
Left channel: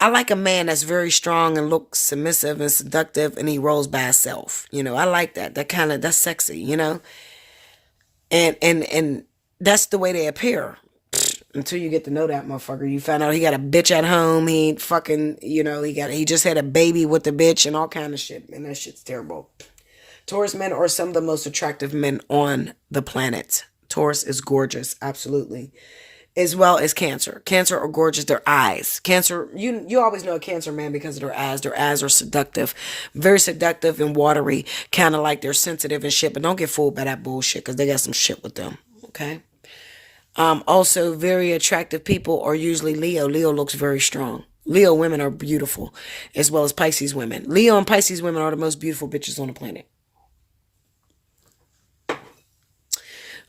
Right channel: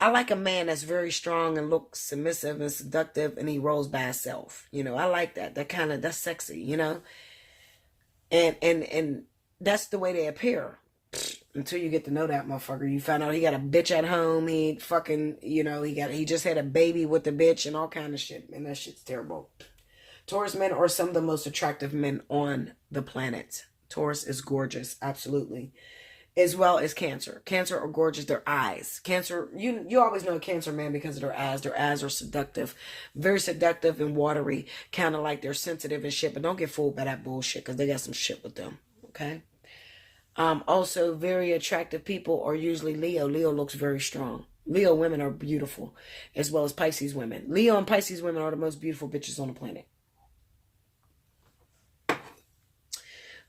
I like a man that's very strong and looks submissive and seductive, and he rolls by himself. You know, I like that. That's sexy, you know. And that's the way they appear. Until you get to know that motherfucker. You find out he got a bitch at home. He fucking, you know, he just had a baby with the bitch and all kind of shit. And that shit's terrible. Taurus men are some of the most attractive men on the planet. Taurus is gorgeous, absolutely. As well as Cancer. Cancer are gorgeous. Their eyes. Cancer, you always know a Cancer man because of their eyes. Their eyes are seductive. Very seductive and watery. Kind of like they're sensitive and shit. But don't get fooled by that bullshit because they got some shit with them. Okay? Also, very attractive people are usually Leo. Leo looks very strong. Leo women are beautiful. As well as Pisces women. Leo and Pisces women are the most beautiful bitches on the planet.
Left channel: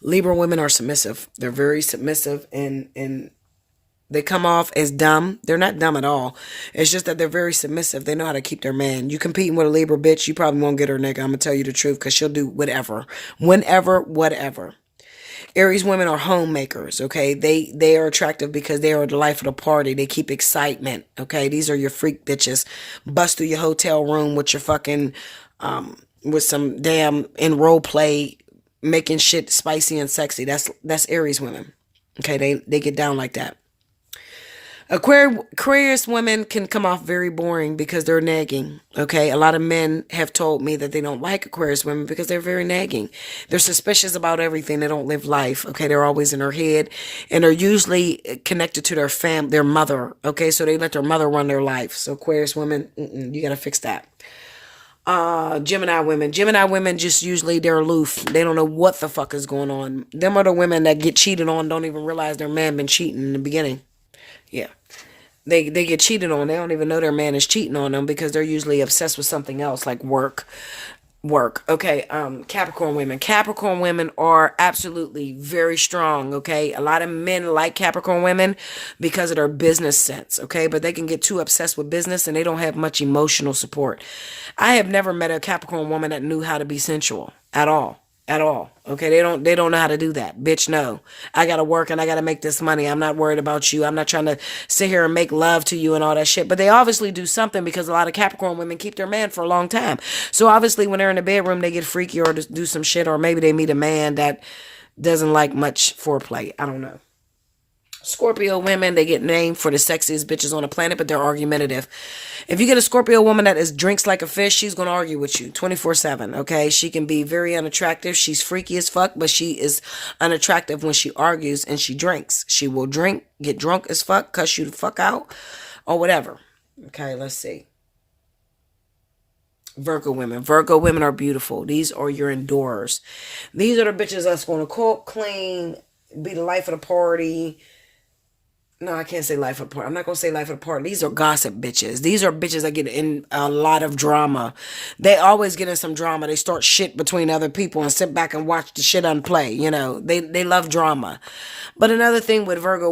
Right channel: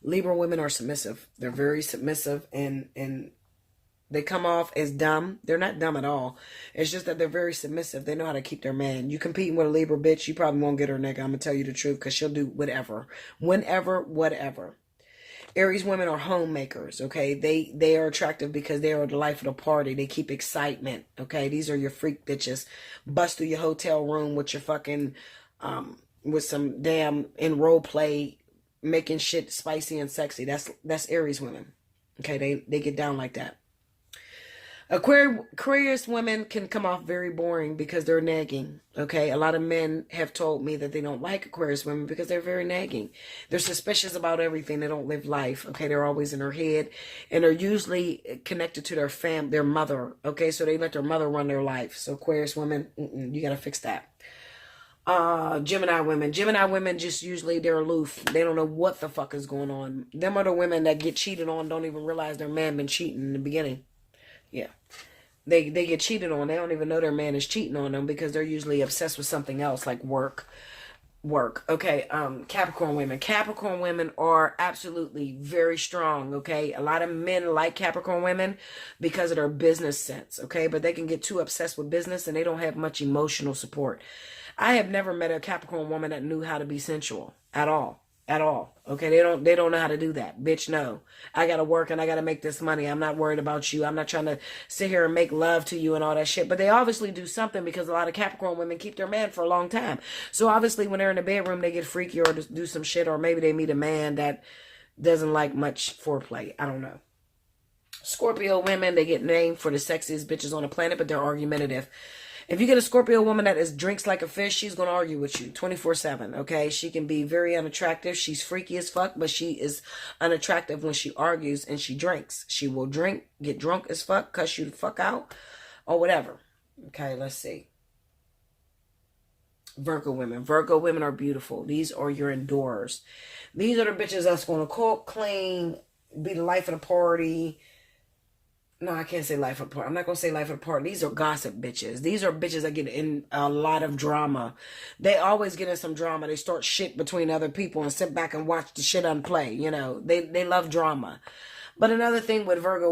Libra women are submissive. They're very submissive and they come off as dumb. They're not dumb at all. It's just that they're very submissive. They know how to keep their man. You competing with a Libra bitch, you probably won't get her, nigga. I'm going to tell you the truth because she'll do whatever. Whenever, whatever. Aries women are homemakers, okay? They are attractive because they are the life of the party. They keep excitement, okay? These are your freak bitches. Bust through your hotel room with your fucking, with some damn in role play making shit spicy and sexy. That's Aries women. Okay, they get down like that. Aquarius women can come off very boring because they're nagging. Okay, a lot of men have told me that they don't like Aquarius women because they're very nagging. They're suspicious about everything. They don't live life. Okay, they're always in their head, and they're usually connected to their mother. Okay, so they let their mother run their life. So Aquarius women, you gotta fix that. Gemini women just usually they're aloof. They don't know what the fuck is going on. Them are the women that get cheated on, don't even realize their man been cheating in the beginning. Yeah. They get cheated on. They don't even know their man is cheating on them because they're usually obsessed with something else like work. Okay. Capricorn women are absolutely very strong. Okay. A lot of men like Capricorn women because of their business sense. Okay. But they can get too obsessed with business and they don't have much emotional support. I have never met a Capricorn woman that knew how to be sensual at all. At all. Okay, they don't know how to do that. Bitch, no. I gotta work and I gotta make this money. I'm not worried about you. I'm not trying to sit here and make love to you and all that shit. But they obviously do something because a lot of Capricorn women keep their man for a long time. So obviously when they're in the bedroom, they get freaky or do some shit, or maybe they meet a man that doesn't like much foreplay. I don't know. Scorpio women, they get named for the sexiest bitches on the planet, but they're argumentative. If you get a Scorpio woman that drinks like a fish, she's going to argue with you 24/7, okay? She can be very unattractive. She's freaky as fuck, but she is unattractive when she argues and she drinks. She will drink, get drunk as fuck, cuss you the fuck out, or whatever. Okay, let's see. Virgo women are beautiful. These are your endurers. These are the bitches that's going to cook, clean, be the life of the party, No, I can't say life apart. I'm not gonna say life apart. These are gossip bitches. These are bitches that get in a lot of drama. They always get in some drama. They start shit between other people and sit back and watch the shit unplay. You know, they love drama. But another thing with Virgo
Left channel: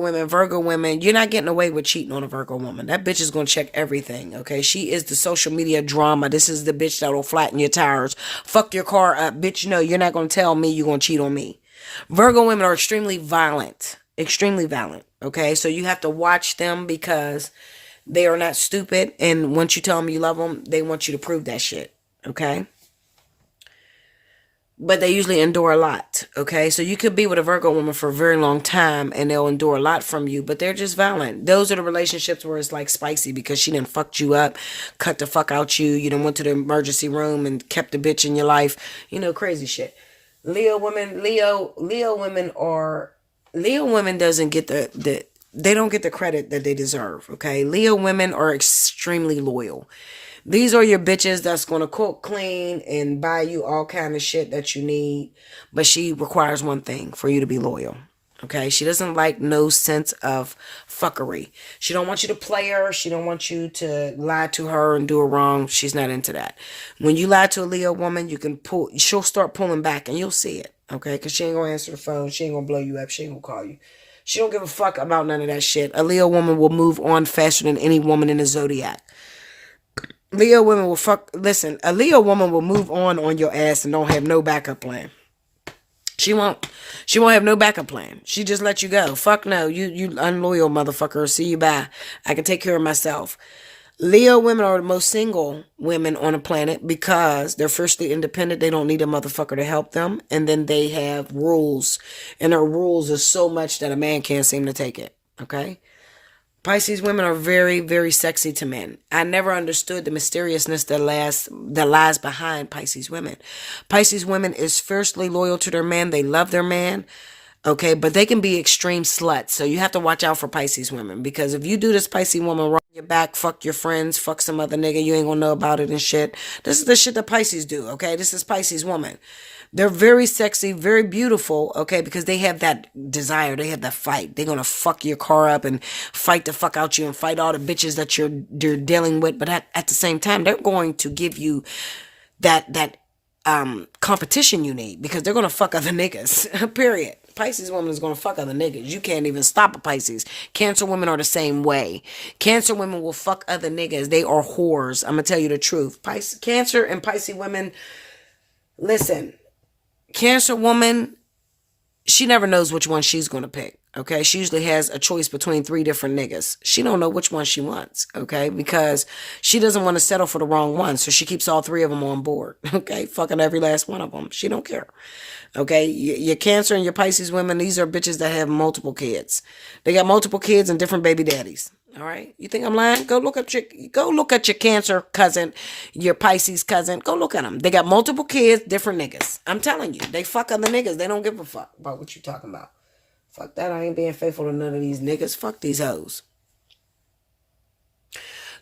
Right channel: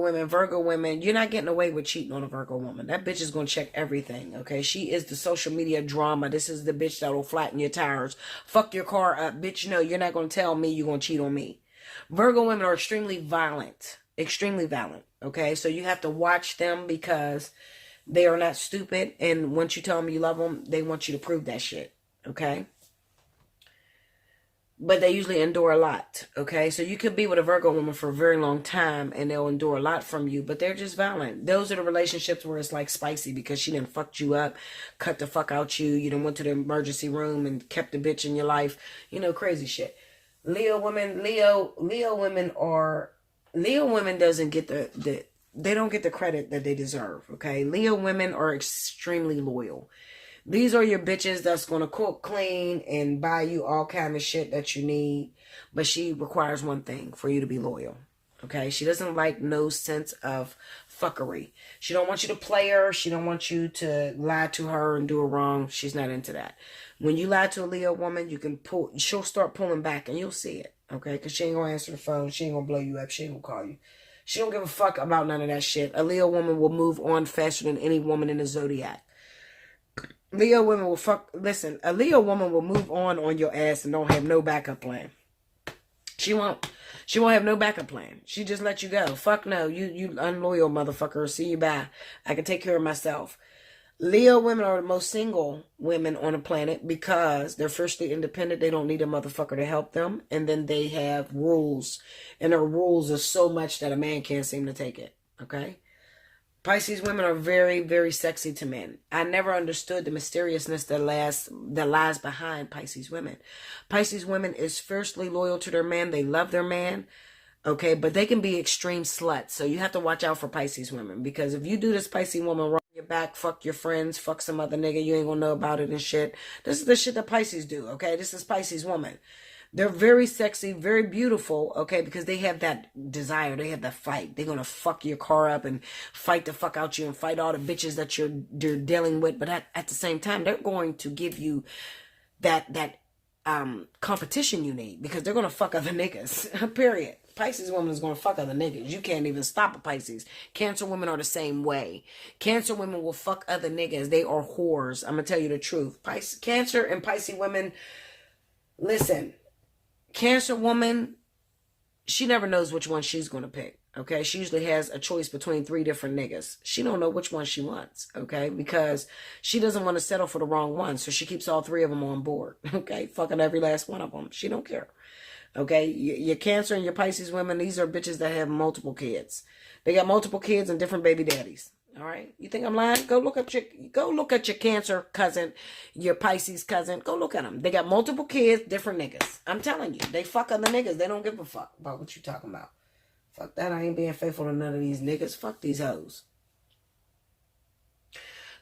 women, you're not getting away with cheating on a Virgo woman. That bitch is gonna check everything. Okay, she is the social media drama. This is the bitch that'll flatten your tires, fuck your car up, bitch. No, you're not gonna tell me you're gonna cheat on me. Virgo women are extremely violent. Extremely violent. Okay, so you have to watch them because they are not stupid. And once you tell them you love them, they want you to prove that shit. Okay, but they usually endure a lot. Okay, so you could be with a Virgo woman for a very long time and they'll endure a lot from you, but they're just violent. Those are the relationships where it's like spicy because she done fucked you up, cut the fuck out you. You done went to the emergency room and kept the bitch in your life. You know, crazy shit. Leo women doesn't get they don't get the credit that they deserve. Okay, Leo women are extremely loyal. These are your bitches that's gonna cook, clean, and buy you all kind of shit that you need. But she requires one thing for you to be loyal. Okay, she doesn't like no sense of fuckery. She don't want you to play her. She don't want you to lie to her and do her wrong. She's not into that. When you lie to a Leo woman, you can pull. She'll start pulling back, and you'll see it. Okay, because she ain't gonna answer the phone. She ain't gonna blow you up. She ain't gonna call you. She don't give a fuck about none of that shit. A Leo woman will move on faster than any woman in the Zodiac. Leo women will fuck. Listen, a Leo woman will move on your ass and don't have no backup plan. She won't. She won't have no backup plan. She just let you go. Fuck no. You unloyal motherfucker. See you bye. I can take care of myself. Leo women are the most single women on the planet because they're firstly independent. They don't need a motherfucker to help them. And then they have rules. And their rules are so much that a man can't seem to take it. Okay? Pisces women are very, very sexy to men. I never understood the mysteriousness that lies behind Pisces women. Pisces women is fiercely loyal to their man. They love their man. Okay, but they can be extreme sluts. So you have to watch out for Pisces women because if you do this Pisces woman wrong your back, fuck your friends, fuck some other nigga, you ain't gonna know about it and shit. This is the shit that Pisces do. Okay, this is Pisces woman. They're very sexy, very beautiful, okay, because they have that desire. They have that fight. They're going to fuck your car up and fight the fuck out you and fight all the bitches that you're dealing with. But at the same time, they're going to give you that competition you need because they're going to fuck other niggas, period. Pisces woman is going to fuck other niggas. You can't even stop a Pisces. Cancer women are the same way. Cancer women will fuck other niggas. They are whores. I'm going to tell you the truth. Cancer and Pisces women, listen. Cancer woman, she never knows which one she's going to pick, okay? She usually has a choice between 3 different niggas. She don't know which one she wants, okay? Because she doesn't want to settle for the wrong one, so she keeps all 3 of them on board, okay? Fucking every last one of them. She don't care, okay? Your Cancer and your Pisces women, these are bitches that have multiple kids. They got multiple kids and different baby daddies. All right. You think I'm lying? Go look at your Cancer cousin, your Pisces cousin. Go look at them. They got multiple kids, different niggas. I'm telling you, they fuck other niggas. They don't give a fuck about what you talking about. Fuck that. I ain't being faithful to none of these niggas. Fuck these hoes.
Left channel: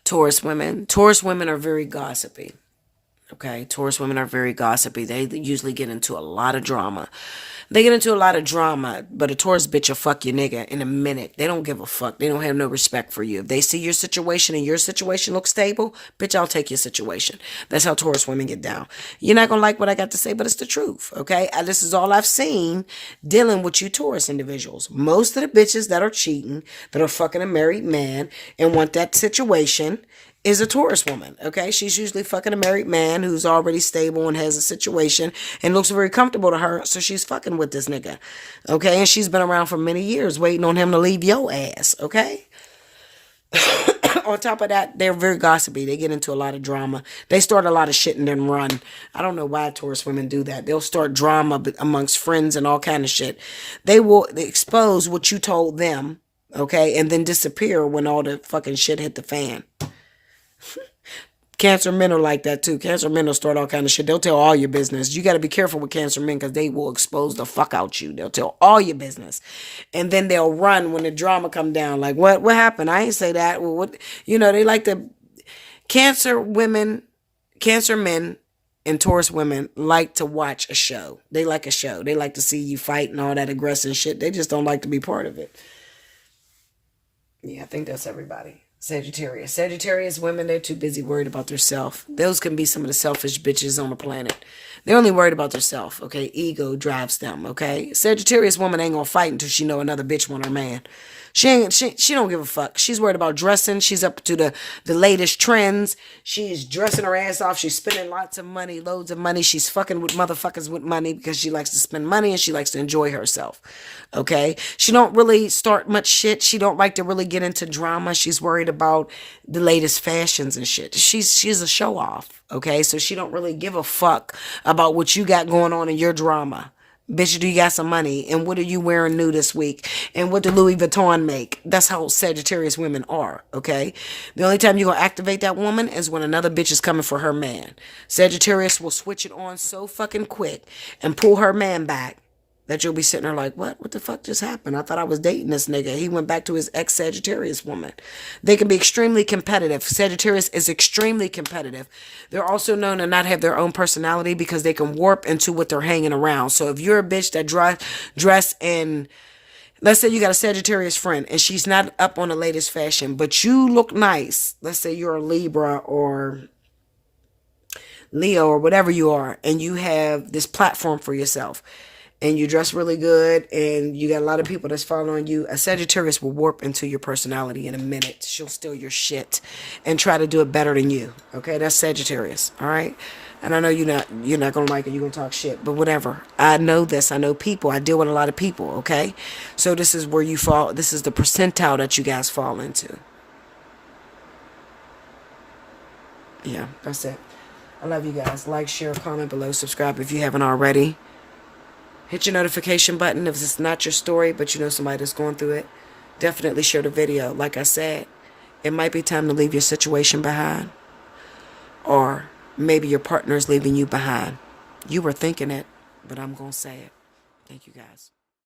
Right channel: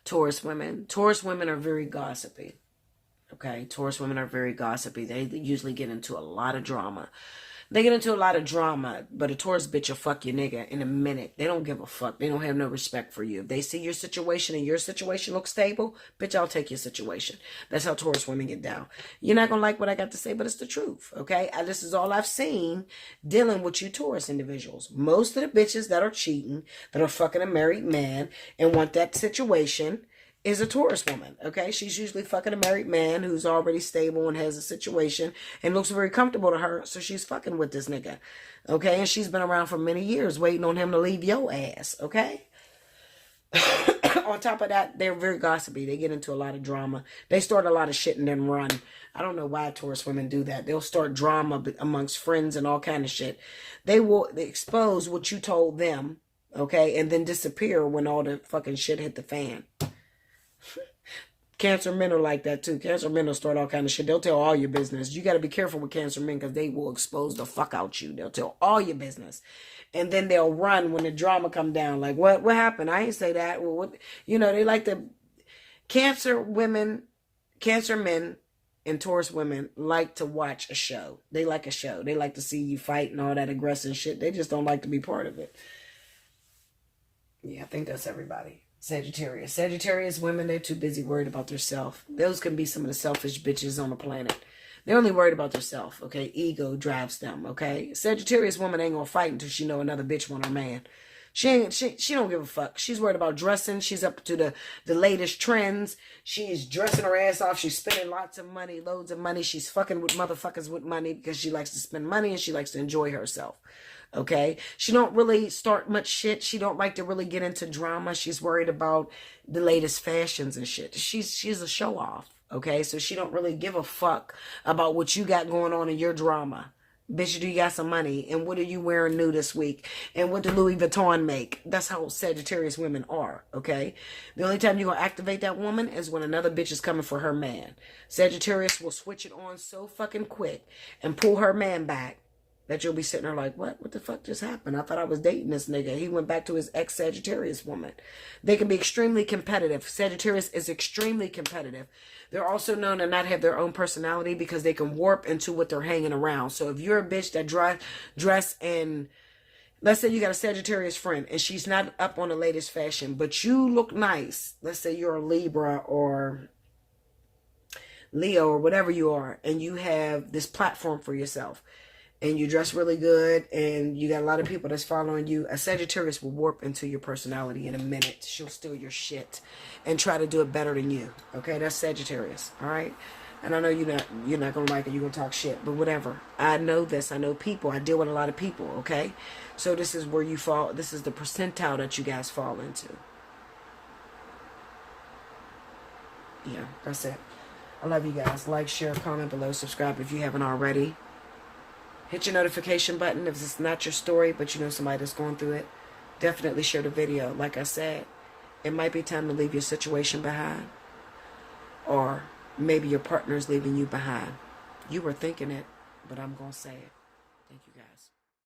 Taurus women. Taurus women are very gossipy. Okay. Taurus women are very gossipy. They usually get into a lot of drama. They get into a lot of drama, but a Taurus bitch will fuck your nigga in a minute. They don't give a fuck. They don't have no respect for you. If they see your situation and your situation looks stable, bitch, I'll take your situation. That's how Taurus women get down. You're not going to like what I got to say, but it's the truth, okay? This is all I've seen dealing with you Taurus individuals. Most of the bitches that are cheating, that are fucking a married man and want that situation is a Taurus woman, okay? She's usually fucking a married man who's already stable and has a situation and looks very comfortable to her, so she's fucking with this nigga, okay? And she's been around for many years waiting on him to leave your ass, okay? On top of that, they're very gossipy. They get into a lot of drama. They start a lot of shit and then run. I don't know why Taurus women do that. They'll start drama amongst friends and all kind of shit. They will expose what you told them, okay? And then disappear when all the fucking shit hit the fan. Cancer men are like that too. Cancer men will start all kind of shit. They'll tell all your business. You got to be careful with Cancer men because they will expose the fuck out you. They'll tell all your business, and then they'll run when the drama come down. Like what happened? I ain't say that. Well, what they like to. Cancer women, Cancer men, and Taurus women like to watch a show. They like a show. They like to see you fight and all that aggressive shit. They just don't like to be part of it. Yeah, I think that's everybody. Sagittarius. Sagittarius women, they're too busy worried about themselves. Those can be some of the selfish bitches on the planet. They're only worried about themselves, okay? Ego drives them, okay? Sagittarius woman ain't gonna fight until she know another bitch want her man. She don't give a fuck. She's worried about dressing. She's up to the latest trends. She's dressing her ass off. She's spending lots of money, loads of money. She's fucking with motherfuckers with money because she likes to spend money and she likes to enjoy herself. Okay? She don't really start much shit. She don't like to really get into drama. She's worried about the latest fashions and shit. She's a show off. Okay? So she don't really give a fuck about what you got going on in your drama. Bitch, do you got some money? And what are you wearing new this week? And what do Louis Vuitton make? That's how Sagittarius women are, okay? The only time you're going to activate that woman is when another bitch is coming for her man. Sagittarius will switch it on so fucking quick and pull her man back that you'll be sitting there like, what? What the fuck just happened? I thought I was dating this nigga. He went back to his ex-Sagittarius woman. They can be extremely competitive. Sagittarius is extremely competitive. They're also known to not have their own personality because they can warp into what they're hanging around. So if you're a bitch that dress in, let's say you got a Sagittarius friend and she's not up on the latest fashion, but you look nice. Let's say you're a Libra or Leo or whatever you are, and you have this platform for yourself. And you dress really good, and you got a lot of people that's following you, a Sagittarius will warp into your personality in a minute. She'll steal your shit and try to do it better than you. Okay, that's Sagittarius. All right, and I know you're not gonna like it. You're gonna talk shit, but whatever. I know this. I know people. I deal with a lot of people. Okay, so this is where you fall. This is the percentile that you guys fall into. Yeah, that's it. I love you guys. Like, share, comment below, subscribe if you haven't already. Hit your notification button if it's not your story, but you know somebody that's going through it. Definitely share the video. Like I said, it might be time to leave your situation behind. Or maybe your partner is leaving you behind. You were thinking it, but I'm going to say it. Thank you guys.